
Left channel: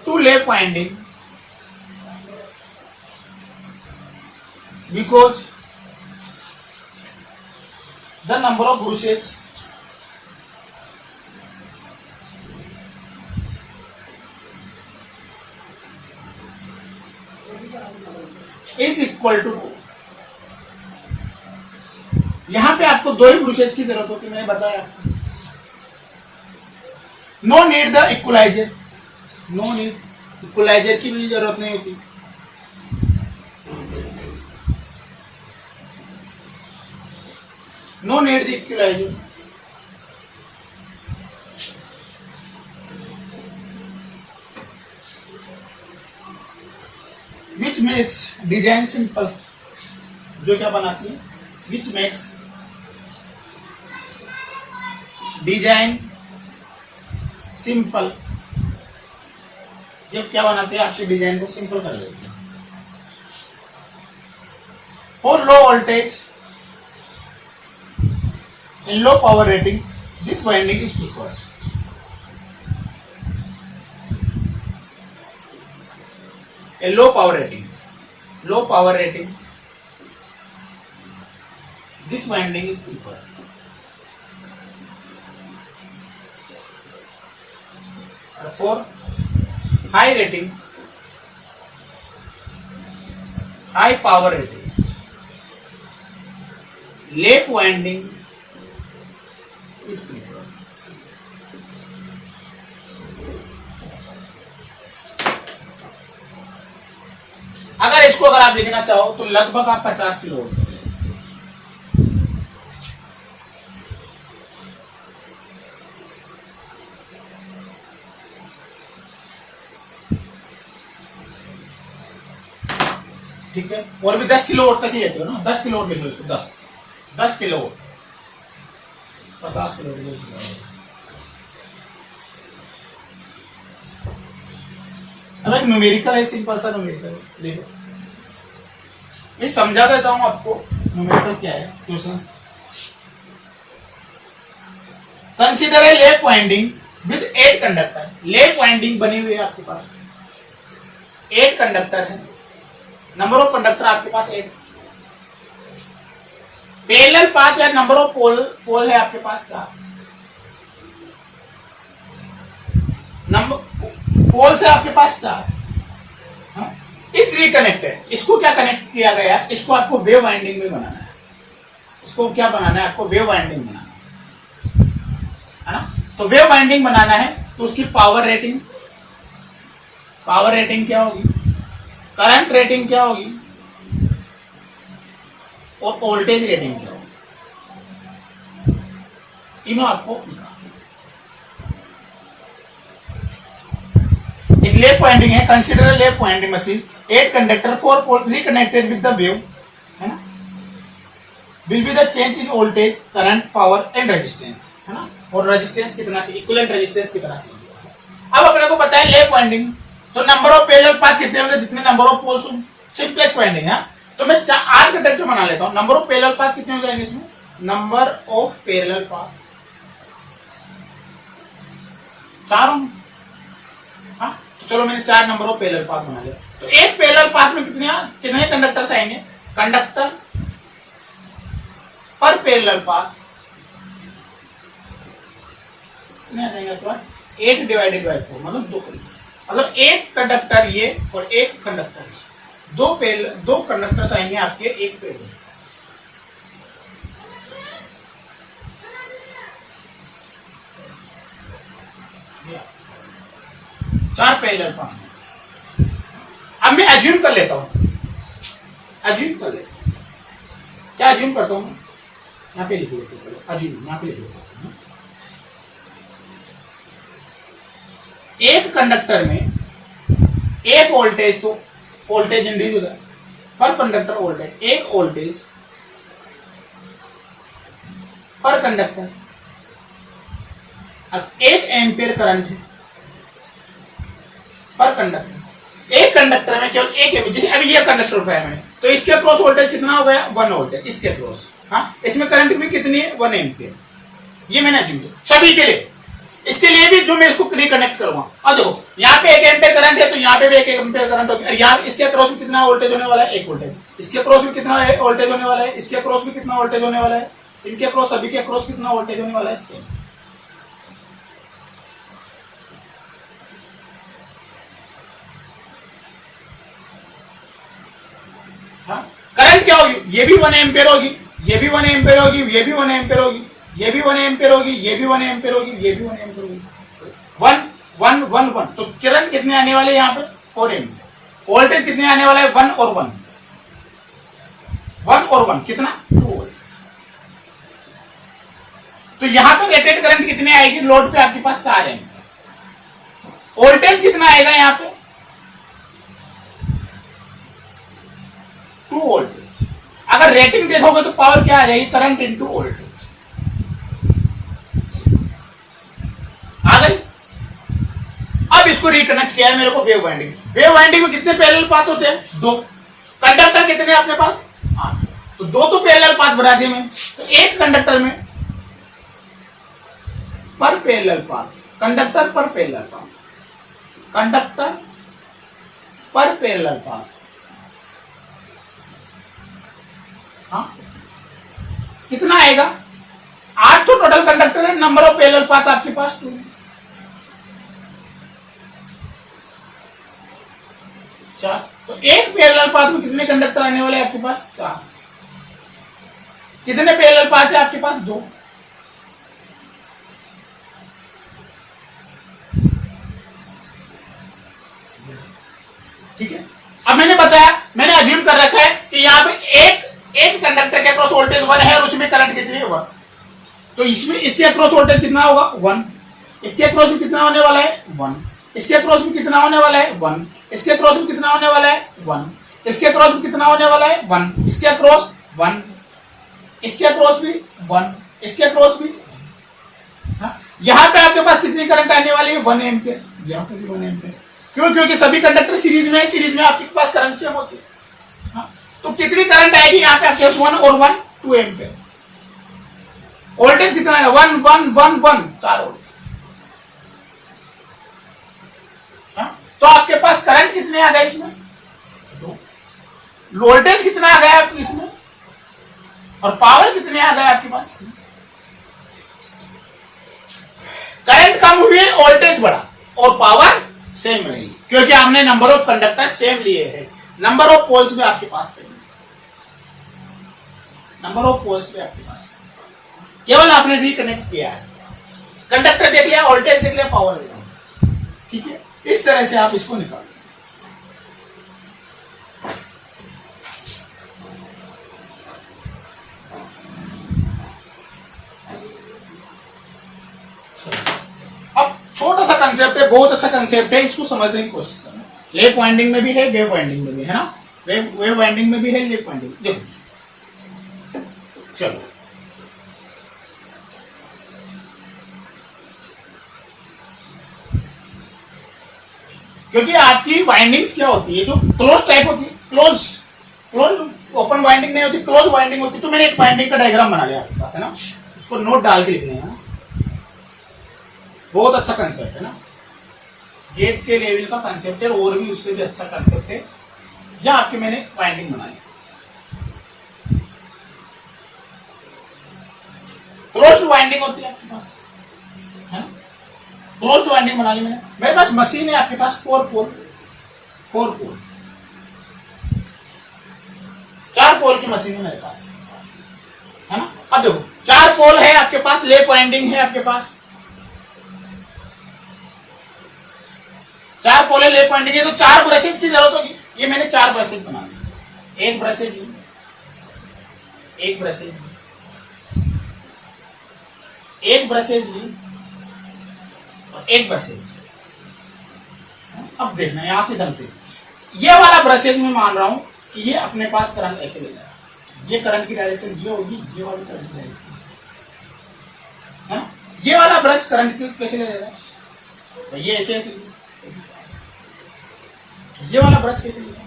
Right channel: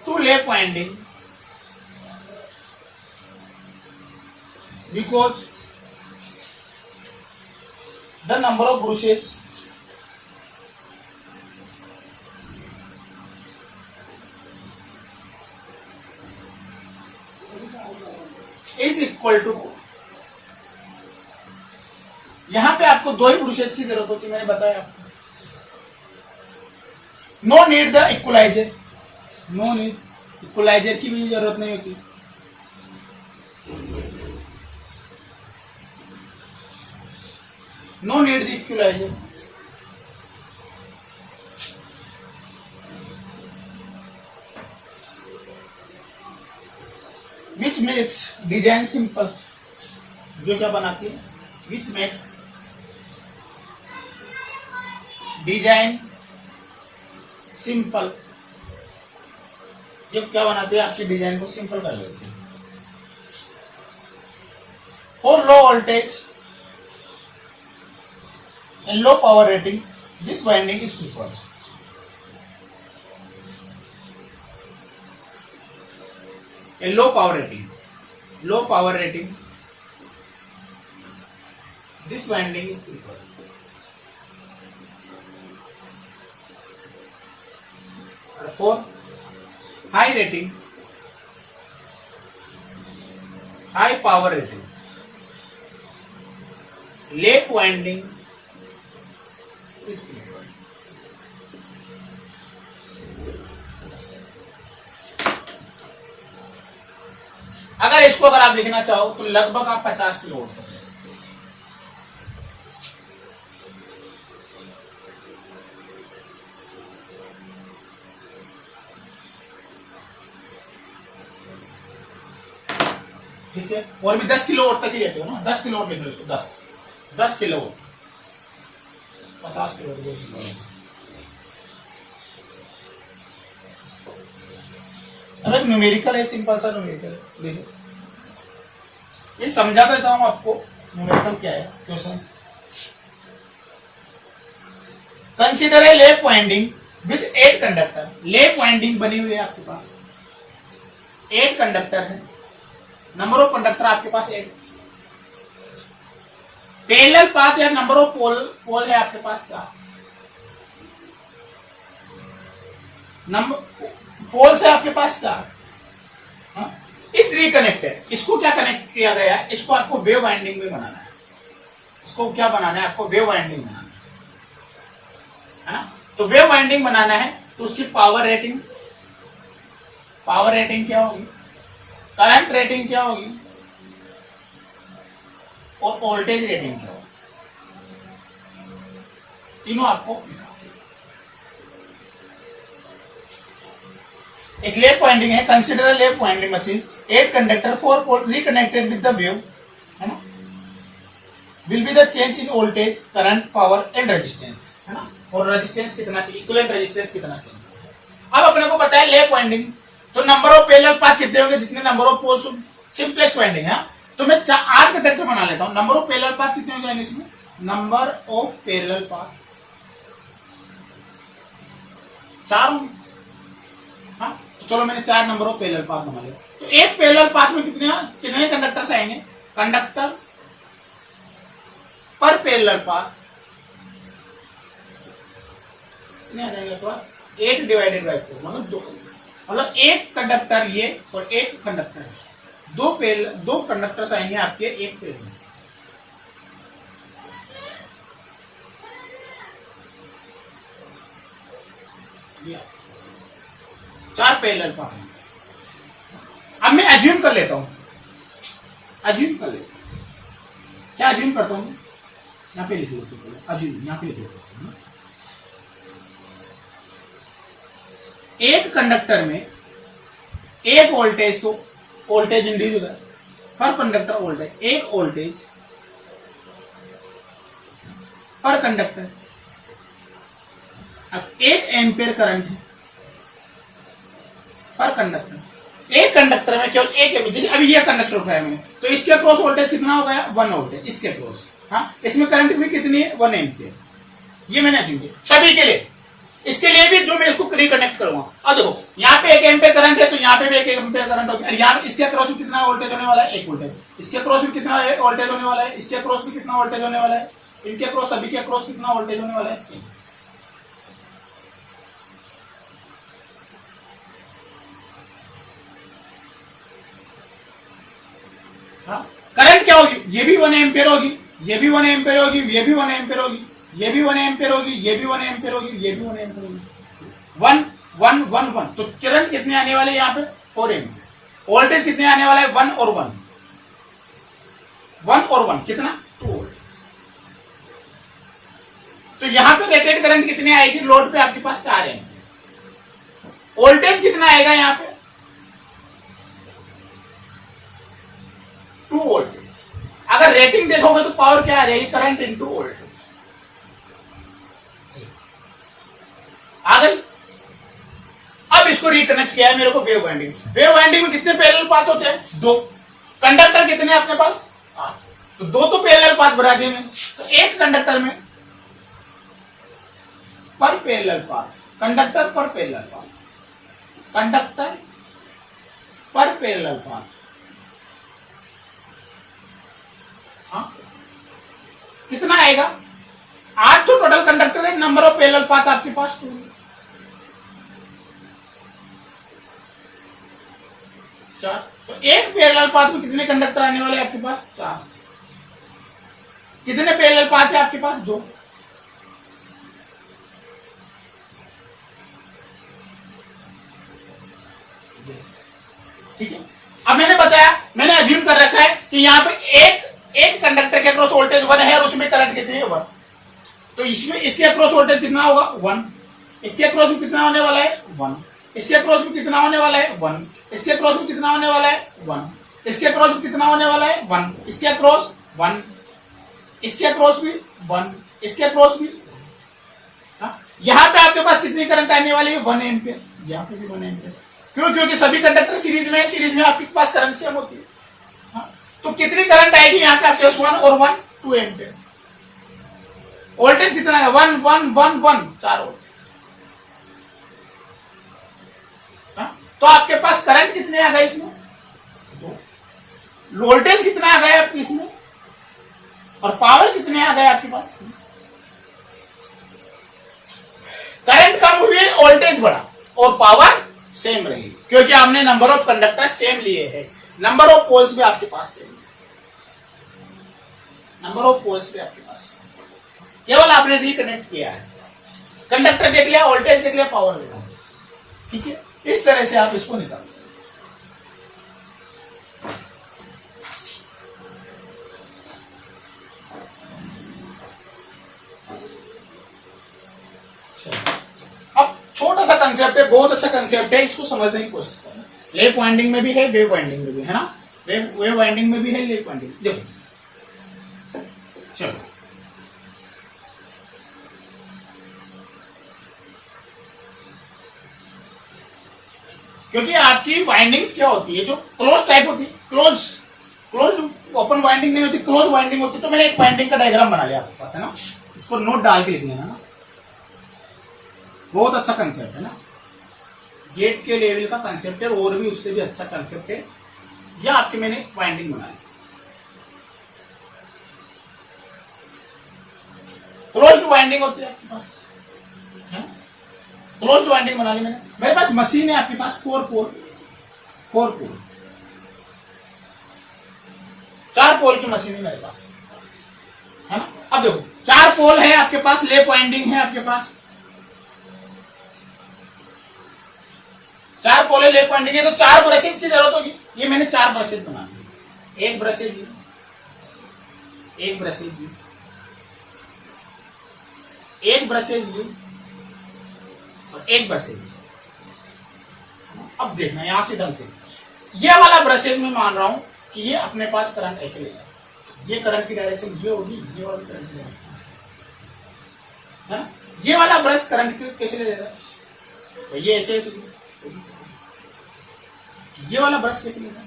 to lap winding because the number of bruches is equal to 2. यहां पे आपको 2 ही ब्रूसेज की जरूरत होती है, मैंने बताया. No need the equaliser. No need equaliser की भी जरूरत नहीं होती. No need the equaliser. Which makes design simple. जो क्या बनाती है, which makes डिजाइन सिंपल. जब क्या बनाते हैं, आपके डिजाइन को सिंपल कर देते हैं. For low voltage and low power rating this winding is preferred. a low power rating. Low power rating. This winding is preferred. For high rating, high power rating, lap winding is preferred. अगर आप लिखना चाहो तो लगभग आप 50 kilo volt, ठीक है। और भी 10 किलो वोल्ट तक ही लेते हो ना, 10 किलो वोल्ट लिख लो इसको, 10 किलो वोल्ट, 50 किलो वोल्ट। अब एक न्यूमेरिकल है, सिंपल सा न्यूमेरिकल, देखो मैं समझा देता हूं आपको न्यूमेरिकल क्या है। Questions, consider a lap winding with 8 conductor. Lap winding बनी हुई है आपके पास, 8 कंडक्टर है, नंबर ऑफ कंडक्टर आपके पास 8, पैरेलल पाथ या नंबर ऑफ पोल है आपके पास 4, नंबर पोल से आपके पास 4, इस रिकनेक्टेड। इसको क्या कनेक्ट किया गया, इसको आपको वेव वाइंडिंग में बनाना है। इसको क्या बनाना है, आपको वेव वाइंडिंग बनाना है ना। तो वेव वाइंडिंग बनाना है तो उसकी पावर रेटिंग क्या होगी, करंट रेटिंग क्या होगी और वोल्टेज रेटिंग क्या होगी, तीनों आपको। एक लैप वाइंडिंग है, consider lap winding machine, 8 conductor 4 pole reconnected with the wave, है ना, will be the change in voltage, current, power and resistance, है ना। और रेजिस्टेंस कितना चाहिए, इक्विवेलेंट रेजिस्टेंस कितना चाहिए। अब अपने को पता है लैप वाइंडिंग, तो नंबर ऑफ पैरेलल पाथ कितने होंगे, जितने नंबर ऑफ पोल्स होंगे। सिंप्लेक्स वाइंडिंग है, तो मैं 8 कंडक्टर बना लेता हूं। नंबर ऑफ पैरेलल पाथ कितने हो जाएंगे इसमें, नंबर ऑफ पैरेलल पाथ 4 होंगे। हाँ, तो चलो मैंने 4 नंबर ऑफ पैरेलल पाथ बना लिया। तो एक पैरेलल पाथ में कितने कंडक्टर्स आएंगे, कंडक्टर पर पैरेलल पाथ कितने आ जाएंगे आपके पास, 8 डिवाइडेड बाय 4, मतलब 2, मतलब एक कंडक्टर ये और एक कंडक्टर, दो कंडक्टर्स आएंगे आपके एक पैरेलल। चार पैरेलल पाथ। अब मैं अज्यूम कर लेता हूं, क्या अज्यूम करता हूं, यहां पे लिख लेते हैं, अज्यूम यहां पे लिख लेते हैं। एक कंडक्टर में एक वोल्टेज, तो वोल्टेज इंड्यूस होगा पर कंडक्टर वोल्टेज, एक वोल्टेज पर कंडक्टर। अब 1 एम्पियर करंट है पर कंडक्टर। एक कंडक्टर में केवल एक है, जैसे अभी ये कंडक्टर उठाया मैंने, तो इसके अक्रॉस वोल्टेज कितना हो गया, 1 वोल्टेज इसके अक्रॉस। हाँ, इसमें करंट भी कितनी है, 1 एम्पियर। ये मैंने अज्यूम किया सभी के लिए। इसके लिए भी जो मैं इसको रिकनेक्ट करूंगा, और देखो यहाँ पे 1 एम्पियर करंट है, तो यहाँ पे भी 1 एम्पियर करंट होगा। यहाँ इसके अक्रॉस भी कितना वोल्टेज होने वाला है, 1 वोल्टेज। इसके अक्रॉस भी कितना वोल्टेज होने वाला है, इसके अक्रॉस भी कितना वोल्टेज होने वाला है, इनके अक्रॉस, सभी के अक्रॉस कितना वोल्टेज होने वाला है, सेम। करंट क्या होगी, ये भी 1 एम्पियर होगी, ये भी 1 एम्पियर होगी, ये भी 1 एम्पियर होगी, ये भी 1 एम्पियर होगी, ये भी 1 एम्पियर होगी, ये भी 1 एम्पियर होगी। 1 1 1 1, तो करंट कितने आने वाले यहाँ पे, 4 एम्पियर। वोल्टेज कितने आने वाला है, 1 और 1, 1 और 1 कितना, 2 वोल्ट। तो यहाँ पे रेटेड करंट कितनी आएगी, लोड पे आपके पास 4 एम्पियर। वोल्टेज कितना आएगा यहाँ पे, 2 वोल्टेज। अगर रेटिंग देखोगे तो पावर क्या आ जाएगी, करंट इनटू वोल्टेज आ गई। अब इसको रिकनेक्ट किया है मेरे को वेव वाइंडिंग। वेव वाइंडिंग में कितने पैरेलल पाथ होते हैं, 2। कंडक्टर कितने अपने पास, 8, तो 2 तो पैरेलल पाथ बना दिए मैं। तो एक कंडक्टर में पर पैरेलल पाथ, कंडक्टर पर पैरेलल पाथ, कंडक्टर पर पैरेलल पाथ। हाँ, कितना आएगा? 8 तो टोटल कंडक्टर है, नंबर ऑफ पैरेलल पाथ आपके पास 2। 4। तो एक पैरेलल पाथ में कितने कंडक्टर आने वाले हैं आपके पास? 4। कितने पैरेलल पाथ है आपके पास? 2। ठीक है। अब मैंने बताया, मैंने अज्यूम कर रखा है कि यहाँ पे एक कंडक्टर के अक्रॉस वोल्टेज 1 है और उसमें करंट कितनी है? 1। तो इसमें इसके अक्रॉस वोल्टेज कितना होगा? 1। इसके अक्रॉस में कितना होने वाला है? 1। इसके अक्रॉस में कितना होने वाला है? 1। इसके अक्रॉस में कितना होने वाला है? 1। इसके अक्रॉस में कितना होने वाला है? 1। इसके अक्रॉस 1। इसके अक्रॉस भी 1। इसके अक्रॉस भी। यहाँ पे आपके पास कितनी करंट आने वाली है? 1 एम्पियर। यहाँ पे भी 1 एम्पियर। क्यों? क्योंकि सभी कंडक्टर सीरीज में है, सीरीज में आपके पास करंट सेम होती है। तो कितनी करंट आएगी यहाँ पे आपके पास? 1 और 1 2 एम्पियर। वोल्टेज कितना है? 1 1 1 1 4 वोल्ट। तो आपके पास करंट कितने आ गए इसमें? 2। वोल्टेज कितना आ गया आपके इसमें? और पावर कितने आ गए आपके पास? करंट कम हुई, वोल्टेज बढ़ा और पावर सेम रही, क्योंकि हमने नंबर ऑफ कंडक्टर सेम लिए हैं। नंबर ऑफ पोल्स भी आपके पास सेम, नंबर ऑफ पोल्स भी आपके पास सेम। केवल आपने रिकनेक्ट किया है, कंडक्टर देख लिया, वोल्टेज देख लिया, पावर देख लिया। ठीक है, इस तरह से आप इसको निकाल। अब छोटा सा कंसेप्ट है, बहुत अच्छा कंसेप्ट है, इसको समझने की कोशिश करना। लेप वाइंडिंग में भी है, वेव वाइंडिंग में भी है ना, वेव वाइंडिंग में भी है, लेप वाइंडिंग। देखो चलो, क्योंकि आपकी वाइंडिंग्स क्या होती है, जो क्लोज टाइप होती है, क्लोज ओपन वाइंडिंग नहीं होती, क्लोज वाइंडिंग होती है। तो मैंने एक वाइंडिंग का डायग्राम बना लिया आपके पास, है ना, उसको नोट डाल के लिखने है ना। बहुत अच्छा कंसेप्ट है ना, गेट के लेवल का कंसेप्ट है, और भी उससे भी अच्छा कंसेप्ट है। यह आपके मैंने वाइंडिंग बना ली, क्लोज्ड वाइंडिंग होती है आपके पास, है ना, क्लोज्ड वाइंडिंग बना ली मैंने। मेरे पास मशीन है आपके पास 4 पोल 4 पोल की मशीन है मेरे पास, है ना। अब देखो 4 पोल है आपके पास, लेप वाइंडिंग है आपके पास, 4 पोल है, लेप वाइंडिंग है, तो 4 ब्रशेज की जरूरत होगी। ये मैंने 4 ब्रशेज बना दिए, एक ब्रशेज ली, एक ब्रशेज ली, एक ब्रशेज ली और एक ब्रशेज। अब देखना यहां से ढंग से, ये वाला ब्रशेज मैं मान रहा हूं कि ये अपने पास करंट ऐसे ले जाएगा, ये करंट की डायरेक्शन ये होगी, ये वाली करंट की डायरेक्शन, है ना। ये वाला ब्रश करंट कैसे ले जाएगा, तो ये ऐसे, ये वाला ब्रश कैसे ले जाएगा।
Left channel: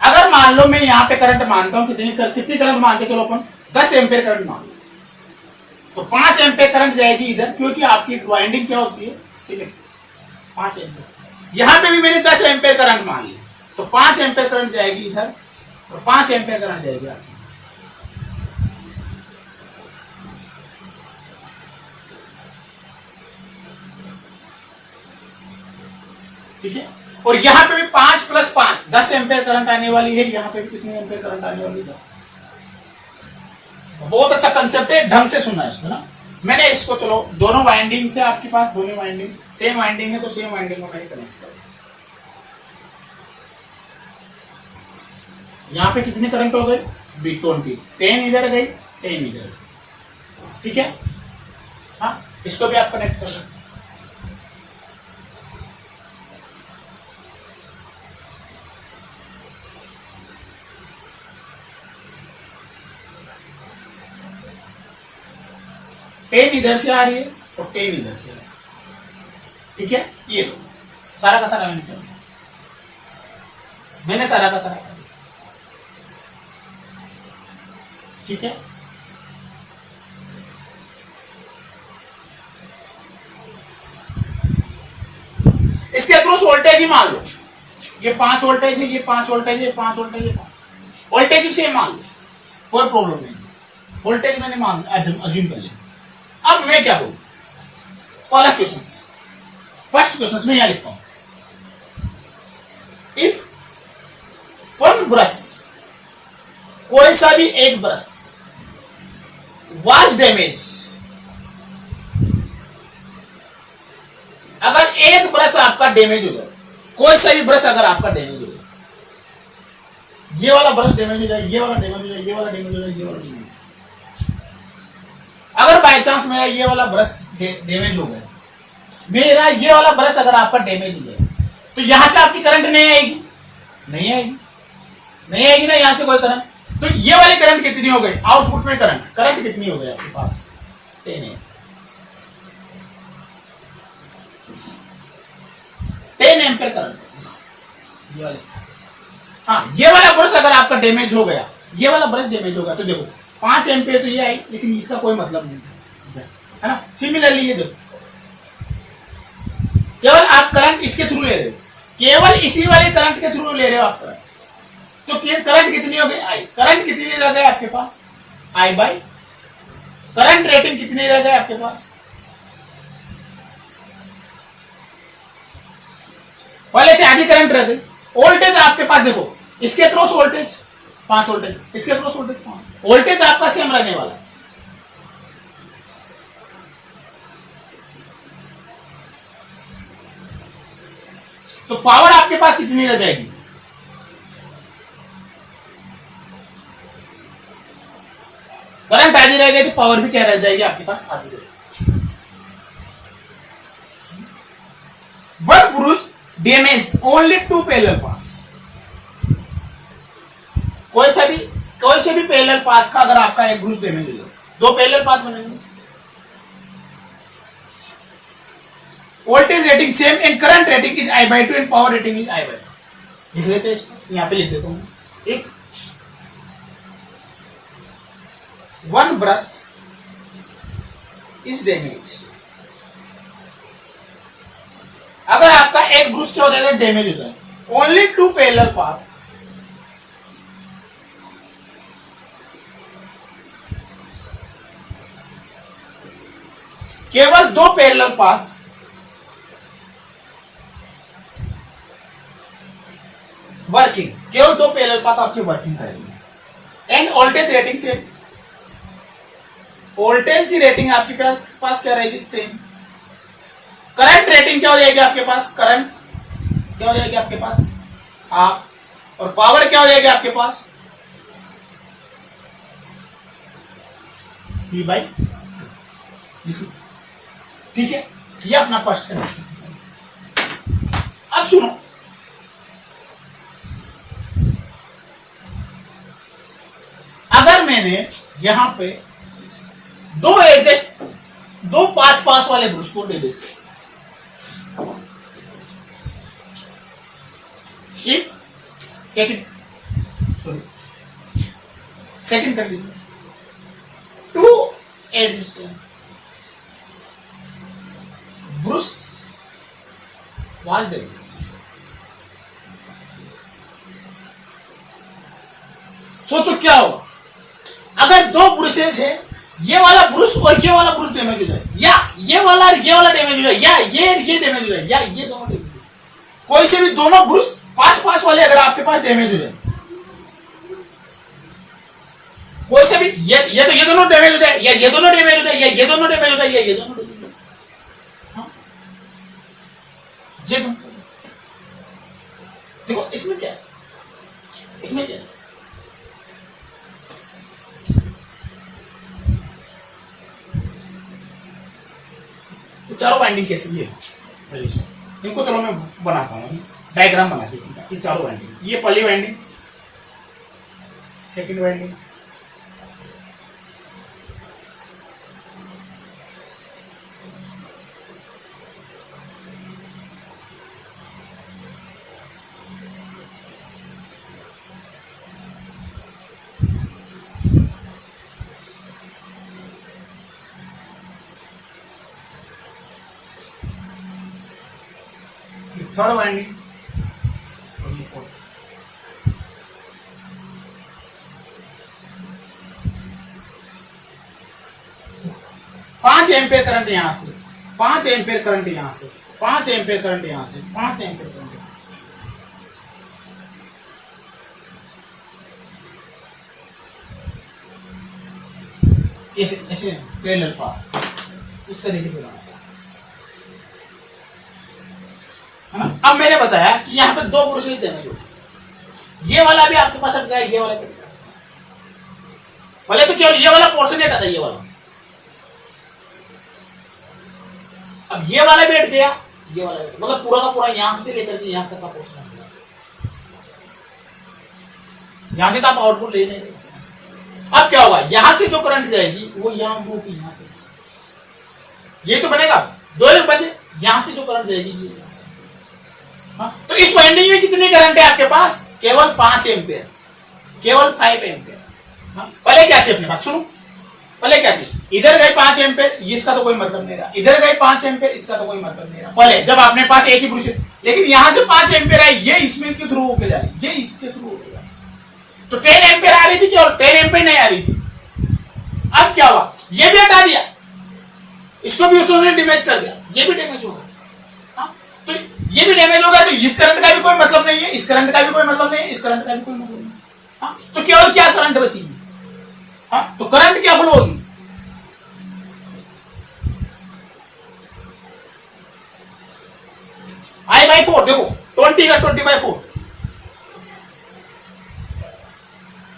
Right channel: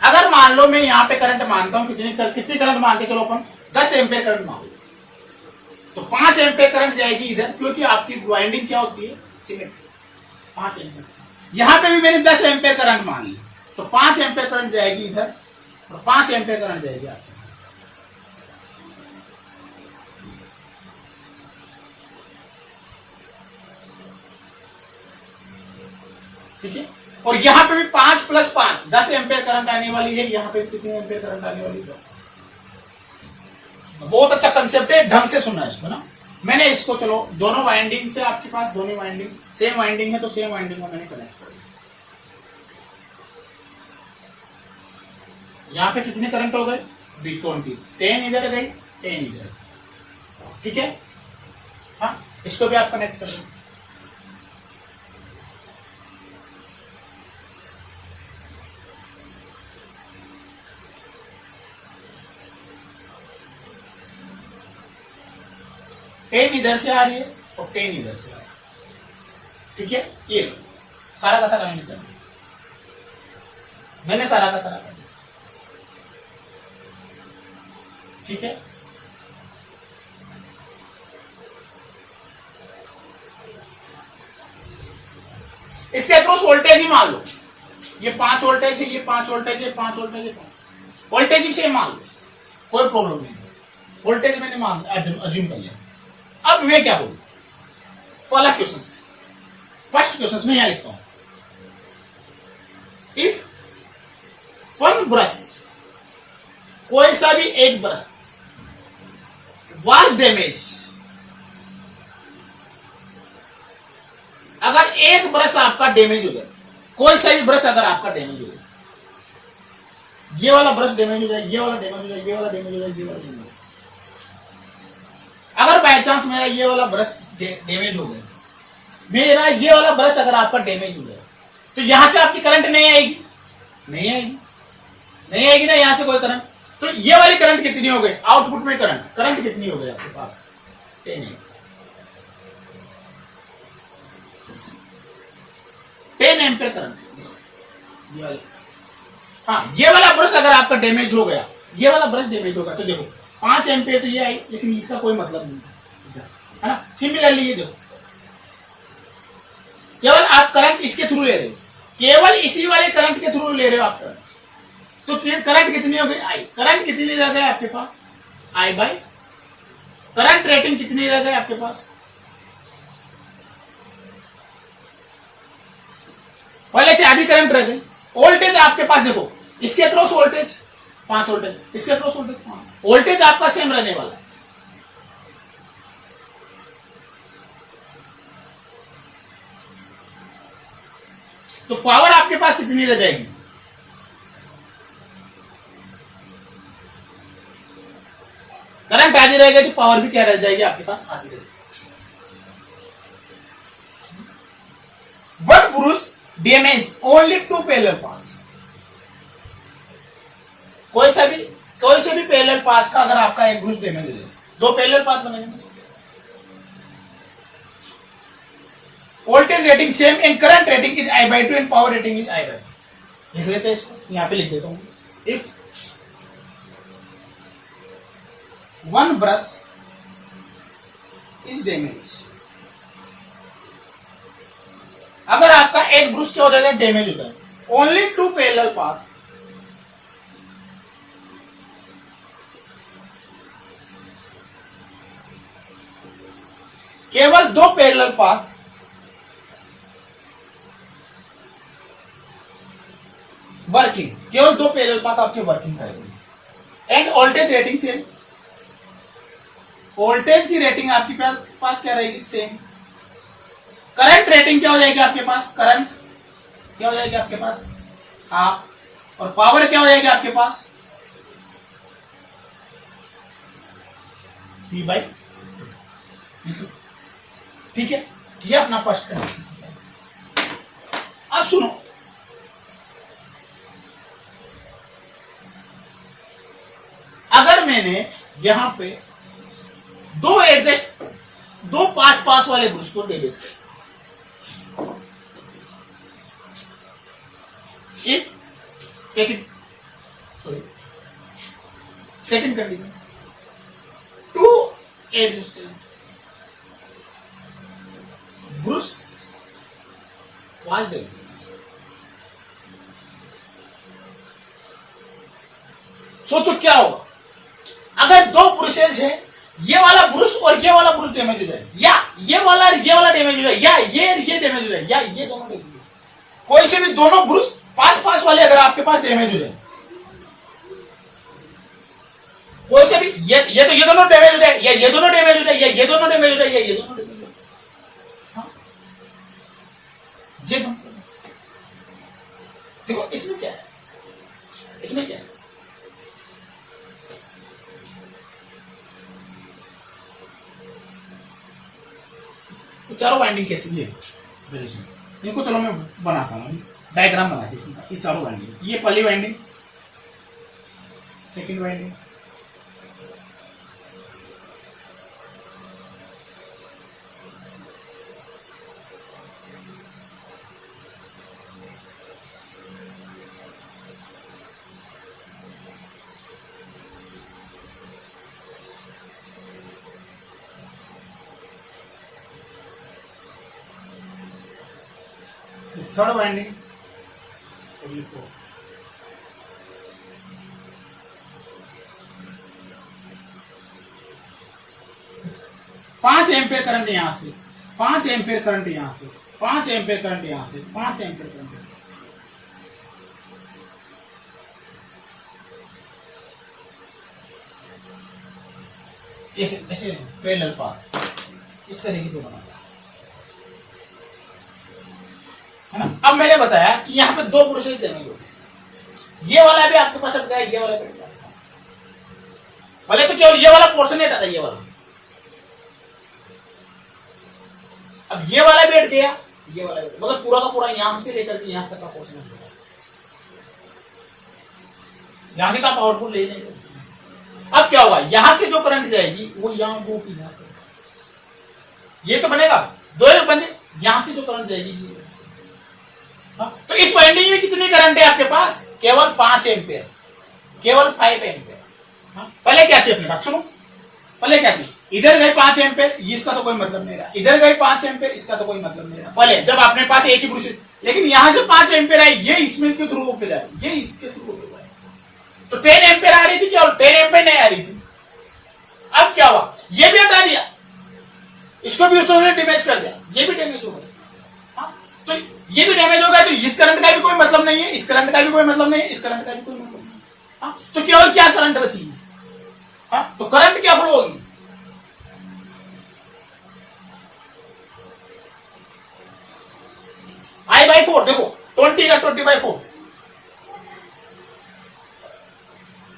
अगर मान लो मैं यहां पे करंट मानता हूं, कितनी करंट मानते चलो अपन, 10 एम्पियर करंट मान लो, तो 5 एम्पियर करंट जाएगी इधर, क्योंकि आपकी वाइंडिंग क्या होती है, सिलेक्ट 5 एम्पियर। यहां पे भी मैंने 10 एम्पियर करंट मान ली, तो 5 एम्पियर करंट जाएगी इधर और 5 एम्पियर करंट जाएगी आपकी। ठीक है, और यहां पे भी 5 + 5 10 एम्पियर करंट आने वाली है, यहां पे भी कितनी एम्पियर करंट आने वाली है, 10। बहुत अच्छा कंसेप्ट है, ढंग से सुनना है इसको ना। मैंने इसको चलो दोनों वाइंडिंग से आपके पास, दोनों वाइंडिंग सेम वाइंडिंग है, तो सेम वाइंडिंग को मैंने कनेक्ट कर दिया। यहां पे कितने करंट हो गए, 20, 10 इधर गई, 10 इधर। ठीक है, हाँ, इसको भी आप कनेक्ट कर दो। टेन इधर से आ रही है और 10 इधर से आ रही है। ठीक है, ये लो, सारा का सारा मैंने कर दिया, मैंने सारा का सारा कर दिया। ठीक है, इसके अक्रॉस वोल्टेज ही मान लो, ये 5 वोल्टेज है, ये 5 वोल्टेज है, 5 वोल्टेज है, वोल्टेज भी सेम मान लो, कोई प्रॉब्लम नहीं, वोल्टेज मैंने मान अज्यूम कर लिया। अब मैं क्या बोलूं, पहला क्वेश्चन, फर्स्ट क्वेश्चन में यहां लिखता हूं, इफ वन ब्रश, कोई सा भी एक ब्रश वाज डैमेज, अगर एक ब्रश आपका डैमेज हो जाए, कोई सा भी ब्रश अगर आपका डैमेज हो जाए, ये वाला ब्रश डैमेज हो जाए, ये वाला डैमेज हो जाए, ये वाला डैमेज हो जाए, ये वाला डैमेज हो जाए, अगर बाय चांस मेरा ये वाला ब्रश डैमेज हो गया, मेरा ये वाला ब्रश अगर आपका डैमेज हो जाए, तो यहां से आपकी करंट नहीं आएगी, नहीं आएगी, नहीं आएगी ना यहां से कोई करंट। तो ये वाली करंट कितनी हो गई, आउटपुट में करंट कितनी हो गई आपके पास, 10 एम्पियर करंट, ये वाले। हाँ, ये वाला ब्रश अगर आपका डैमेज हो गया, ये वाला ब्रश डैमेज होगा, तो देखो 5 एम्पियर तो ये आई, लेकिन इसका कोई मतलब नहीं है ना। सिमिलरली ये देखो, केवल आप करंट इसके थ्रू ले रहे हो, केवल इसी वाले करंट के थ्रू ले रहे हो आप करंट, तो करंट कितनी हो गई, आई। करंट कितनी रह गई आपके पास, आई बाई करंट रेटिंग कितनी रह गई आपके पास, पहले से आधी करंट रह गई। वोल्टेज आपके पास देखो, इसके क्रॉस वोल्टेज 5 वोल्टेज, इसके क्रॉस वोल्टेज 5, वोल्टेज आपका सेम रहने वाला है। तो पावर आपके पास कितनी रह जाएगी, करंट आधी रह गई तो पावर भी क्या रह जाएगी आपके पास, आधी रह जाएगी। One Bruce damage only 2 parallel paths, कोई से भी पैरेलल पाथ का अगर आपका एक ब्रूस डैमेज हो जाए, 2 पैरेलल पाथ बनेंगे, voltage rating same and current rating is I by 2 and power rating is I by 2। लिख लेते हैं इसको, यहां पे लिख देता हूं, एक वन ब्रश इज डैमेज, अगर आपका एक ब्रश क्या हो जाएगा, डैमेज हो जाए, ओनली 2 पैरेलल पाथ, केवल 2 पैरेलल पाथ वर्किंग, केवल 2 पैरेलल पाथ आपके वर्किंग करेंगे, end voltage rating same, voltage की रेटिंग आपके पास क्या रहेगी, सेम। करंट रेटिंग क्या हो जाएगी आपके पास, करंट क्या हो जाएगी आपके पास, हाफ, और पावर क्या हो जाएगी आपके पास, P बाई, ठीक है, ये अपना फर्स्ट कंडीशन। अब सुनो, अगर मैंने यहां पे दो पास वाले ब्रश को डैमेज किया, second condition, 2 adjusted brush was damage, सोचो क्या होगा अगर 2 ब्रशेज है, ये वाला ब्रश और ये वाला ब्रश डैमेज हो जाए, या ये वाला डैमेज हो जाए, या ये डैमेज हो जाए, या ये दोनों डैमेज हो जाए, कोई से भी दोनों ब्रश पास वाले अगर आपके पास डैमेज हो जाए, कोई से भी ये दोनों डैमेज हो जाए, या ये दोनों डैमेज हो जाए, या ये दोनों डैमेज हो जाए, या ये दोनों डैमेज हो जाए, हाँ, ये दोनों। देखो इसमें क्या है, इसमें क्या है, चारों वाइंडिंग कैसे भी है, इनको चलो मैं बनाता हूँ, डायग्राम बना दीजिए, ये चारों वाइंडिंग, ये पहली winding, second winding, third winding 5 ampere current यहां से, 5 एम्पियर करंट यहां से, 5 एम्पियर करंट यहां से, 5 एम्पियर करंट यहां से। ऐसे ऐसे पैरेलल पाथ इस तरीके से बनाता है ना। अब मैंने बताया कि यहाँ पे दो प्रोसेस डैमेज होती है, ये वाला भी आपके पास अट गया, ये वाला भी अट गया आपके पास। भले तो केवल ये वाला पोर्शन हटा था, ये वाला, अब ये वाला भी हट गया, ये वाला भी, मतलब पूरा का पूरा यहां से लेकर के यहां तक का पोर्शन हट गया। यहां से तो आप आउटपुट ले नहीं रहे। अब क्या होगा, यहां से जो करंट जाएगी वो यहां दो की यहां से, ये तो बनेगा दो एक बने, यहां से जो करंट जाएगी ये यहां से। हाँ? तो इस वाइंडिंग में कितनी करंट है आपके पास, केवल 5 एम्पियर, केवल 5 एम्पियर। हाँ? पहले क्या थी अपने पास, सुनो पहले क्या थी, इधर गए 5 एम्पियर, इसका तो कोई मतलब नहीं रहा, इधर गए 5 एम्पियर, इसका तो कोई मतलब नहीं रहा पहले जब आपने पास एक ही ब्रश, लेकिन यहां से 5 एम्पियर आई, ये इसमें के थ्रू होके जा रही, ये इसके थ्रू होके जा रही, तो 10 एम्पियर आ रही थी और 10 एम्पियर नहीं आ रही थी। अब क्या हुआ, ये भी हटा दिया, इसको भी उसने डैमेज कर दिया, ये भी डैमेज होगा। तो ये भी डैमेज होगा, तो इस करंट का भी कोई मतलब नहीं है, इस करंट का भी कोई मतलब नहीं है, इस करंट का भी कोई मतलब नहीं है। तो केवल क्या करंट बची, तो करंट क्या फ्लो होगी, I/4, देखो 20 का 20/4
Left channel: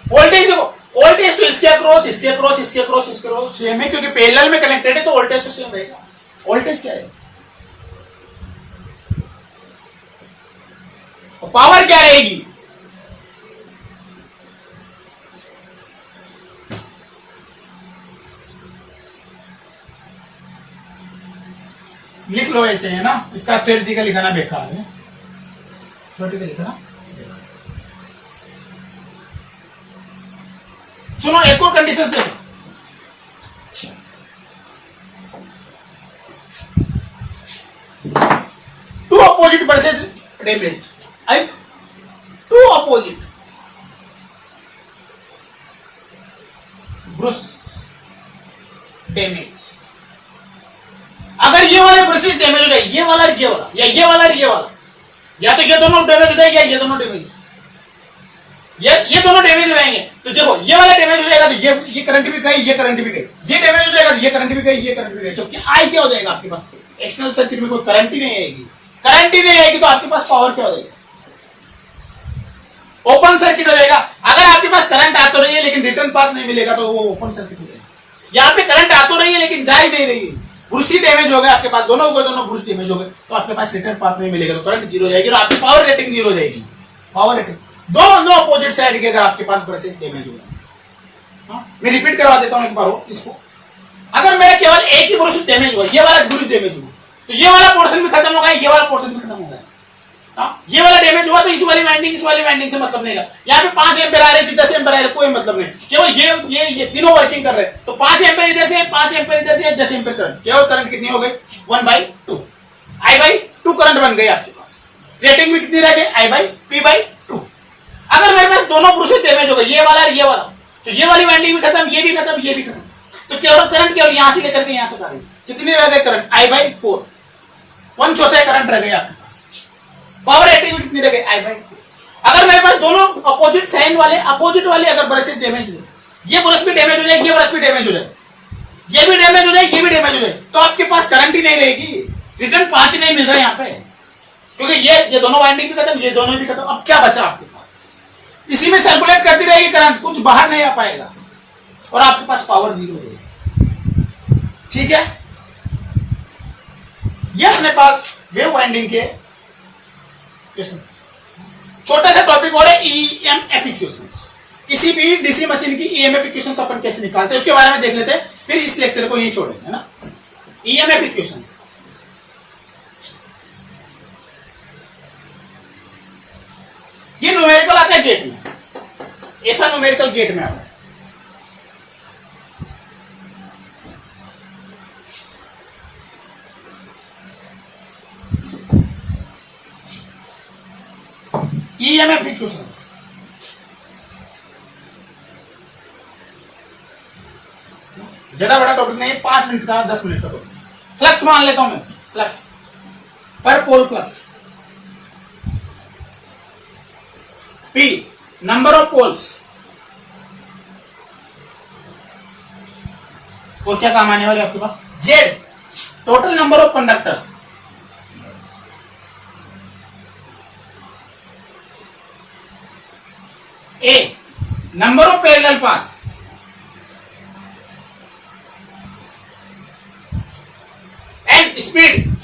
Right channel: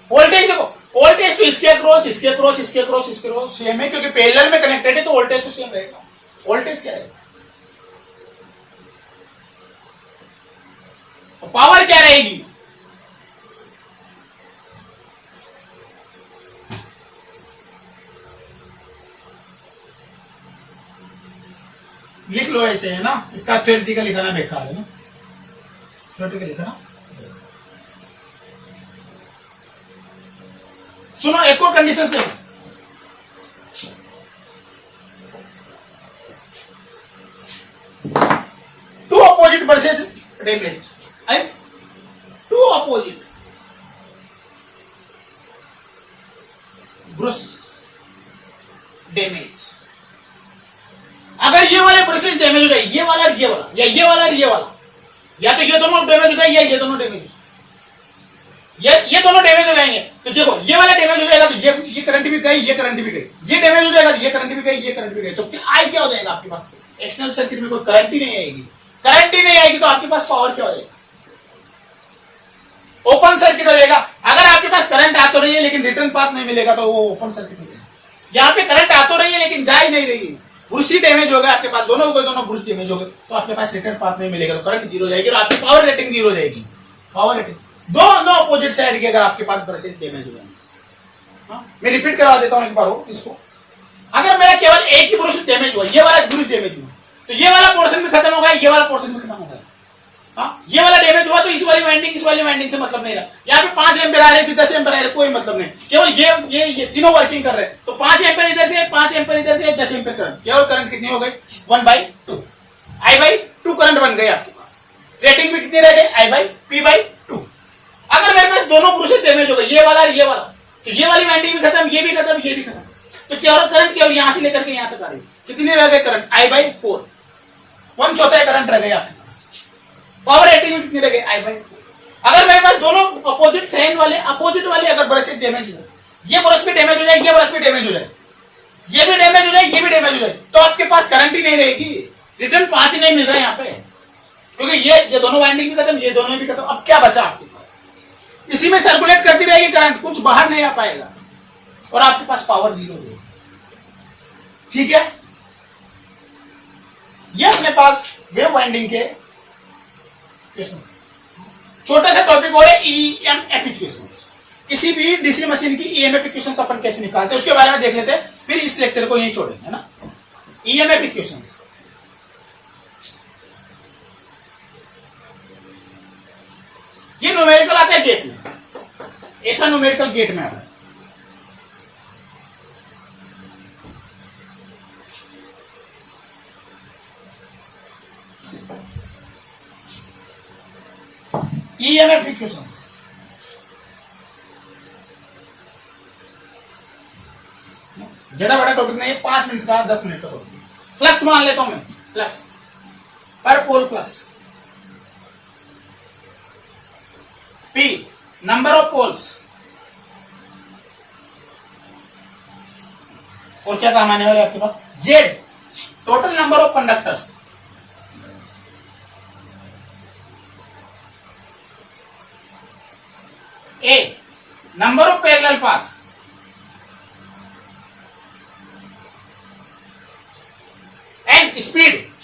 वोल्टेज, देखो वोल्टेज तो इसके क्रॉस इसके क्रॉस इसके क्रॉस इसके क्रॉस सेम है, क्योंकि पैरेलल में कनेक्टेड है तो वोल्टेज तो सेम रहेगा। वोल्टेज क्या रहेगा, पावर क्या रहेगी, लिख लो ऐसे, है ना, इसका थ्योरेटिकल लिखना बेकार है, थ्योरेटिकल लिखना। सुनो एक और कंडीशन देखो, two opposite versus damage, two opposite brush damage. अगर ये वाले ब्रशेज डैमेज हो जाए, ये वाला ये वाला, या ये वाला ये वाला, या तो ये दोनों डैमेज हो जाए या ये दोनों डैमेज, ये दोनों डैमेज हो जाएंगे, तो देखो ये वाला डैमेज हो जाएगा तो ये करंट भी गई, ये करंट भी गई, ये डैमेज हो जाएगा तो ये करंट भी गई, ये करंट भी गई, तो क्या आई क्या हो जाएगा आपके पास, एक्सटर्नल सर्किट में कोई करंट ही नहीं आएगी, करंट ही नहीं आएगी तो आपके पास पावर क्या हो जाएगा, ओपन सर्किट हो जाएगा। अगर आपके पास करंट आ तो रही है लेकिन रिटर्न पाथ नहीं मिलेगा तो वो ओपन सर्किट हो जाएगा। यहाँ पे करंट आ तो रही है लेकिन जा ही नहीं रही है, ब्रश डैमेज हो गए आपके पास, दोनों ब्रश डैमेज हो गए तो आपके पास रिटर्न पाथ नहीं मिलेगा, तो करंट जीरो जाएगी और आपकी पावर रेटिंग जीरो जाएगी। पावर रेटिंग दोनों अपोजिट साइड के अगर आपके पास ब्रशेज डैमेज हो जाए, मैं रिपीट करवा देता हूं एक बार इसको, अगर मेरा केवल एक ही ब्रश डैमेज हुआ, ये वाला ब्रश डैमेज हुआ, तो ये वाला पोर्शन भी खत्म हो गया, ये वाला पोर्शन भी खत्म हो गया। ये वाला डैमेज हुआ तो इस वाली वाइंडिंग से मतलब नहीं रहा। यहाँ पे 5 एम्पियर आ रही थी, 10 एम्पियर आ रहे, कोई मतलब नहीं, केवल ये तीनों वर्किंग कर रहे हैं, तो 5 एम्पियर इधर से, 5 एम्पियर इधर से, 10 एम्पियर करंट, केवल करंट कितनी हो गई 1/2, I/2 करंट बन गई आपके पास। रेटिंग भी कितनी रह गई, I/P/2। अगर मेरे पास दोनों ब्रशेज डैमेज हो गए, ये वाला और ये वाला, तो ये वाली वाइंडिंग भी खत्म, ये भी खत्म, ये भी खत्म, तो केवल करंट केवल यहां से लेकर के यहां तक आ रही, कितनी रह गई करंट, I/4, 1/4 करंट रह गई आपके पास। पावर रेटिंग में कितनी रह गई, I/4। अगर मेरे पास दोनों अपोजिट साइन वाले अगर ब्रशेज डैमेज हो, ये ब्रश भी डैमेज हो जाए, ये ब्रश भी डैमेज हो जाए, ये भी डैमेज हो जाए, ये भी डैमेज हो जाए, तो आपके पास करंट ही नहीं रहेगी, रिटर्न पाथ ही नहीं मिल रहा है यहाँ पे, क्योंकि ये दोनों वाइंडिंग भी खत्म, ये दोनों भी खत्म। अब क्या बचा आपके पास, इसी में सर्कुलेट करती रहेगी करंट, कुछ बाहर नहीं आ पाएगा और आपके पास पावर जीरो है। ठीक है, ये अपने पास वेव वाइंडिंग के क्वेश्चंस, छोटा सा टॉपिक और है ईएमएफ इक्वेशंस। किसी भी डीसी मशीन की ईएमएफ इक्वेशंस अपन कैसे निकालते हैं उसके बारे में देख लेते हैं, फिर इस लेक्चर को यहीं छोड़ेंगे, है ना। ईएमएफ इक्वेशंस, ये न्यूमेरिकल आता है गेट में, ऐसा न्यूमेरिकल गेट में आता है। EMF equations. ज्यादा बड़ा टॉपिक नहीं है, 5 मिनट का 10 मिनट का टॉपिक। फ्लक्स मान लेता हूं मैं, flux per pole flux, P number of poles, और क्या काम आने वाले आपके पास, Z total number of conductors, A number of parallel path, and speed,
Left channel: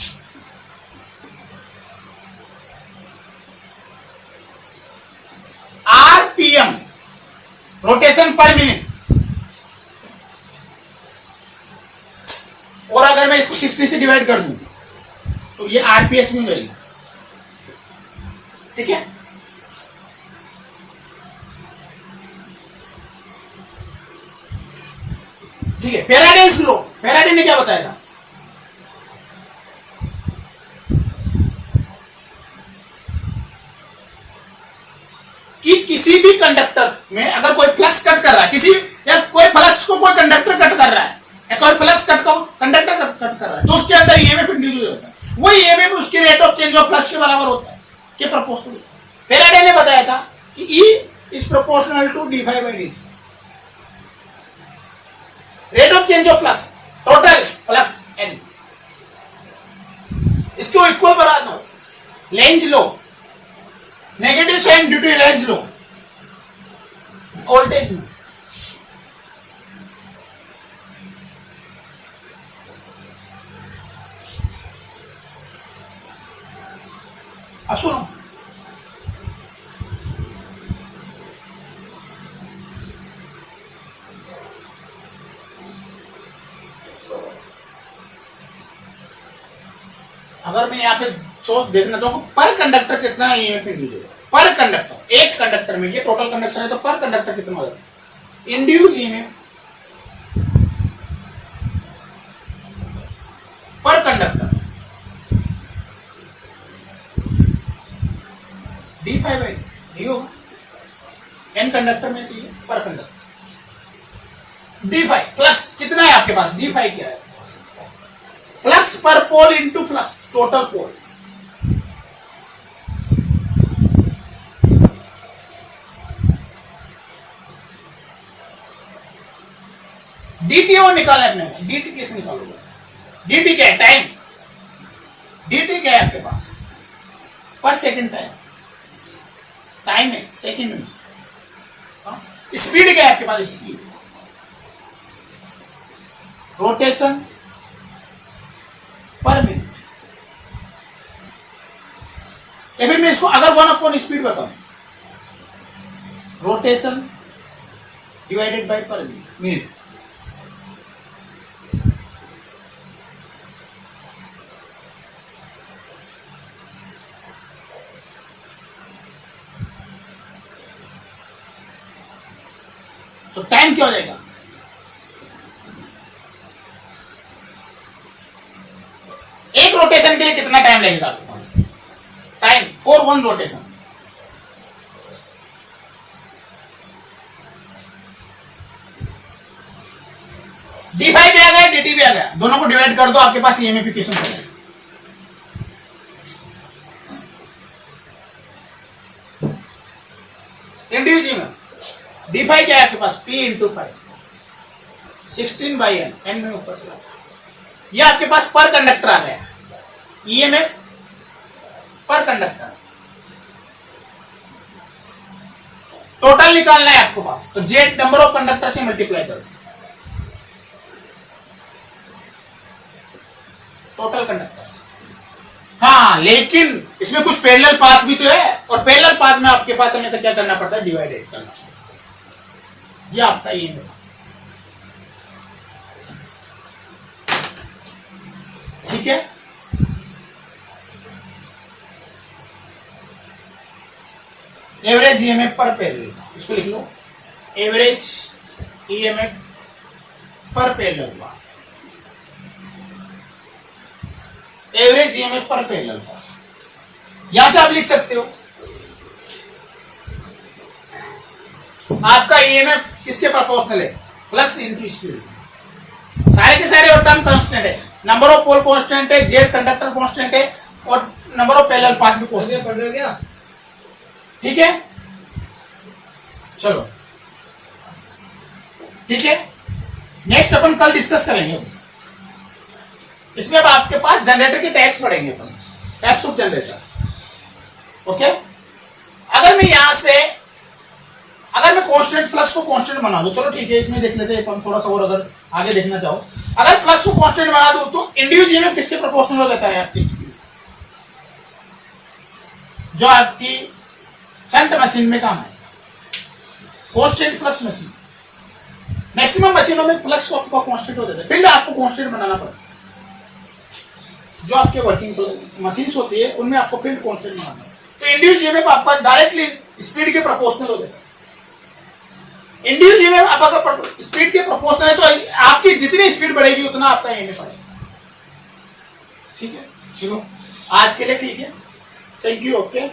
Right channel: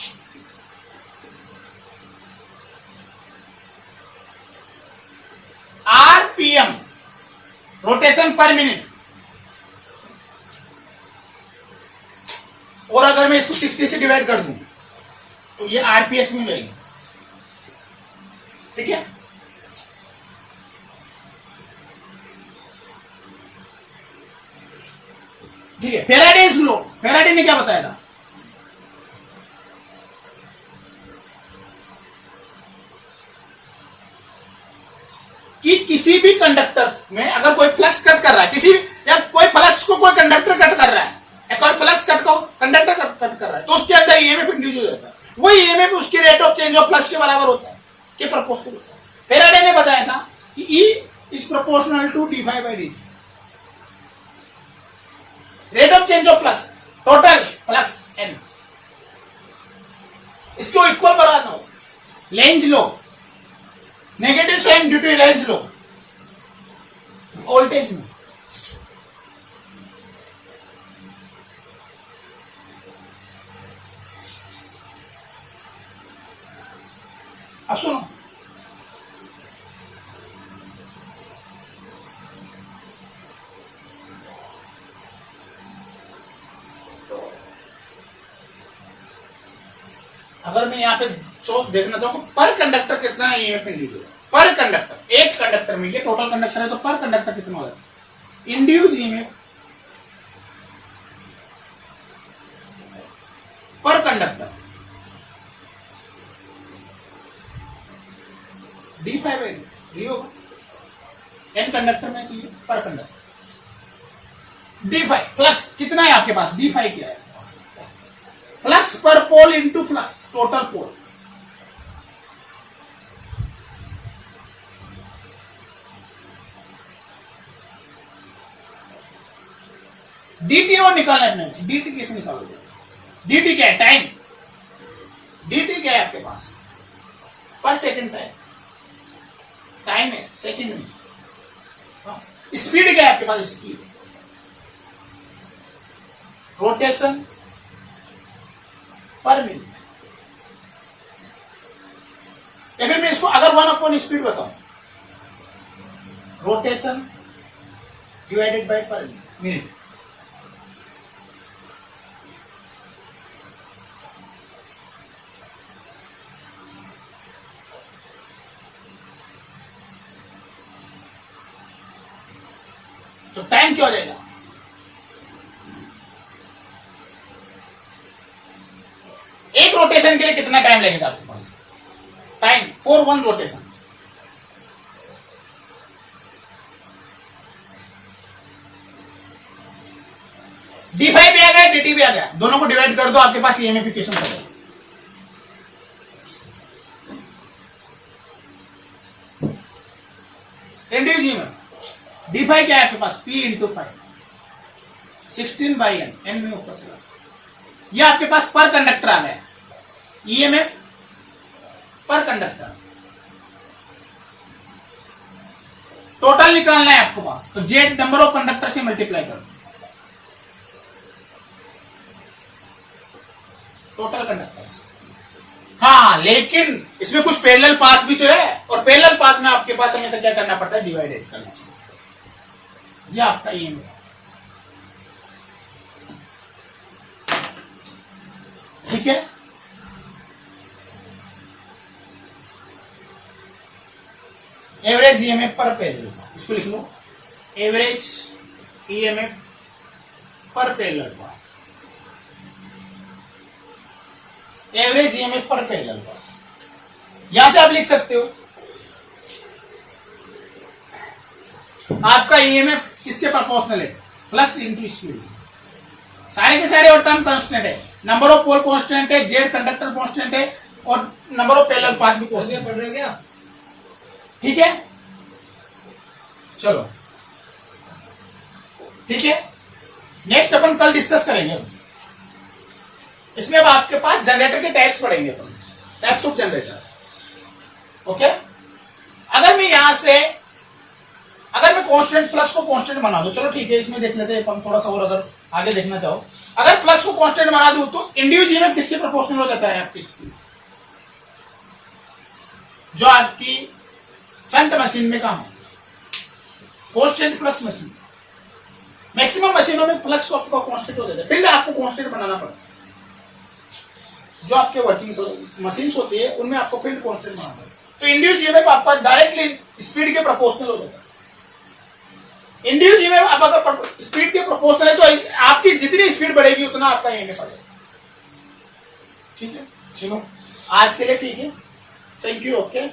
RPM rotation per minute. और अगर मैं इसको 60 से डिवाइड कर दूं तो ये आरपीएस में हो जाएगी। ठीक है, ठीक है। फैराडेज लॉ, फैराडे ने क्या बताया था, कि किसी भी कंडक्टर में अगर कोई फ्लक्स कट कर रहा है, किसी या कोई फ्लक्स को कोई कंडक्टर कट कर रहा है, या कोई फ्लक्स कट को कंडक्टर कट कर रहा है, तो उसके अंदर ईएमएफ इंड्यूस हो जाता है। वही ईएमएफ उसकी rate of change of flux के बराबर होता है, के प्रोपोर्शनल। फैराडे ने बताया था कि E is proportional to D phi by D, rate of change of flux, total flux N, इसको इक्वल बनाना। Lenz law, negative sign due to Lenz law voltage में। अब सुनो, अगर मैं यहाँ पे चौक देखना चाहूँ पर कंडक्टर कितना ईएमएफ इंड्यूस होगा, पर कंडक्टर, एक कंडक्टर में, ये टोटल कंडक्टर है तो पर कंडक्टर कितना होगा इंड्यूस ईएमएफ पर conductor, D five by D होगा। एन कंडक्टर में पर कंडक्टर डी फाइव, फ्लक्स कितना है आपके पास, डी फाइव क्या है, फ्लक्स पर पोल इंटू फ्लक्स टोटल पोल। डीटी और निकालना है अपने, डीटी कैसे निकालोगे, डीटी क्या है, टाइम, डीटी क्या है आपके पास, पर सेकंड टाइम, टाइम है सेकंड में। स्पीड क्या है आपके पास, स्पीड, रोटेशन पर मिनट। या फिर मैं इसको अगर 1/, स्पीड बताऊं, रोटेशन डिवाइडेड बाय पर मिनट। तो टाइम क्या हो जाएगा, एक रोटेशन के लिए कितना टाइम लगेगा आपके पास, time for 1 rotation. D five भी आ गया, डी टी भी आ गया, दोनों को डिवाइड कर दो, आपके पास ईएमएफ इक्वेशन आ जाएगा। इंड्यूस ईएमएफ डी फाइव क्या है आपके पास, P into 5, 16 by N, N में ऊपर चला, यह आपके पास पर कंडक्टर आ गया, ईएमएफ पर कंडक्टर। टोटल निकालना है आपको पास, तो जेड नंबर ऑफ कंडक्टर से मल्टीप्लाई करो, टोटल कंडक्टर्स। हाँ, लेकिन इसमें कुछ पैरेलल पाथ भी तो है, और पैरेलल पाथ में आपके पास हमेशा क्या करना पड़ता है, डिवाइडेड करना पड़ता है। यह आपका ईएमएफ, ठीक है। एवरेज ईएमएफ पर पैरेलल, इसको लिख लो, एवरेज ईएमएफ पर पैरेलल पाथ, एवरेज ईएमएफ पर पैरेलल पाथ। यहां से आप लिख सकते हो आपका ईएमएफ किसके प्रोपोर्शनल है? Flux into speed. सारे के सारे और टर्म कांस्टेंट है, नंबर ऑफ पोल कांस्टेंट है, जेड कंडक्टर कांस्टेंट है और नंबर ऑफ पैरेलल पाथ भी कांस्टेंट पढ़ गया। ठीक है, चलो ठीक है। नेक्स्ट अपन कल डिस्कस करेंगे। इसमें अब आपके पास जनरेटर के टाइप्स पढ़ेंगे अपन, टाइप्स ऑफ जनरेटर। ओके, अगर मैं यहां से अगर मैं कांस्टेंट फ्लक्स को कांस्टेंट बना दूं, चलो ठीक है, इसमें देख लेते हैं अपन थोड़ा सा और, अगर आगे देखना चाहो, अगर फ्लक्स को कांस्टेंट बना दूं तो इंड्यूस ईएमएफ किसके प्रोपोर्शनल हो जाता है? आपकी स्पीड, जो आपकी शंट मशीन में काम है, कांस्टेंट फ्लक्स मशीन। मैक्सिमम मशीनों में फ्लक्स को आपका कांस्टेंट हो जाता है, फील्ड आपको कांस्टेंट बनाना पड़ता है। जो आपके वर्किंग मशीन्स होती है उनमें आपको फील्ड कांस्टेंट बनाना है, तो इंड्यूस ईएमएफ आपका डायरेक्टली स्पीड के प्रोपोर्शनल हो जाता है। इंड्यूस ईएमएफ आप अगर स्पीड के प्रोपोर्शनल है तो आपकी जितनी स्पीड बढ़ेगी उतना आपका ईएमएफ बढ़ेगा। ठीक है, चलो आज के लिए ठीक है, थैंक यू, ओके।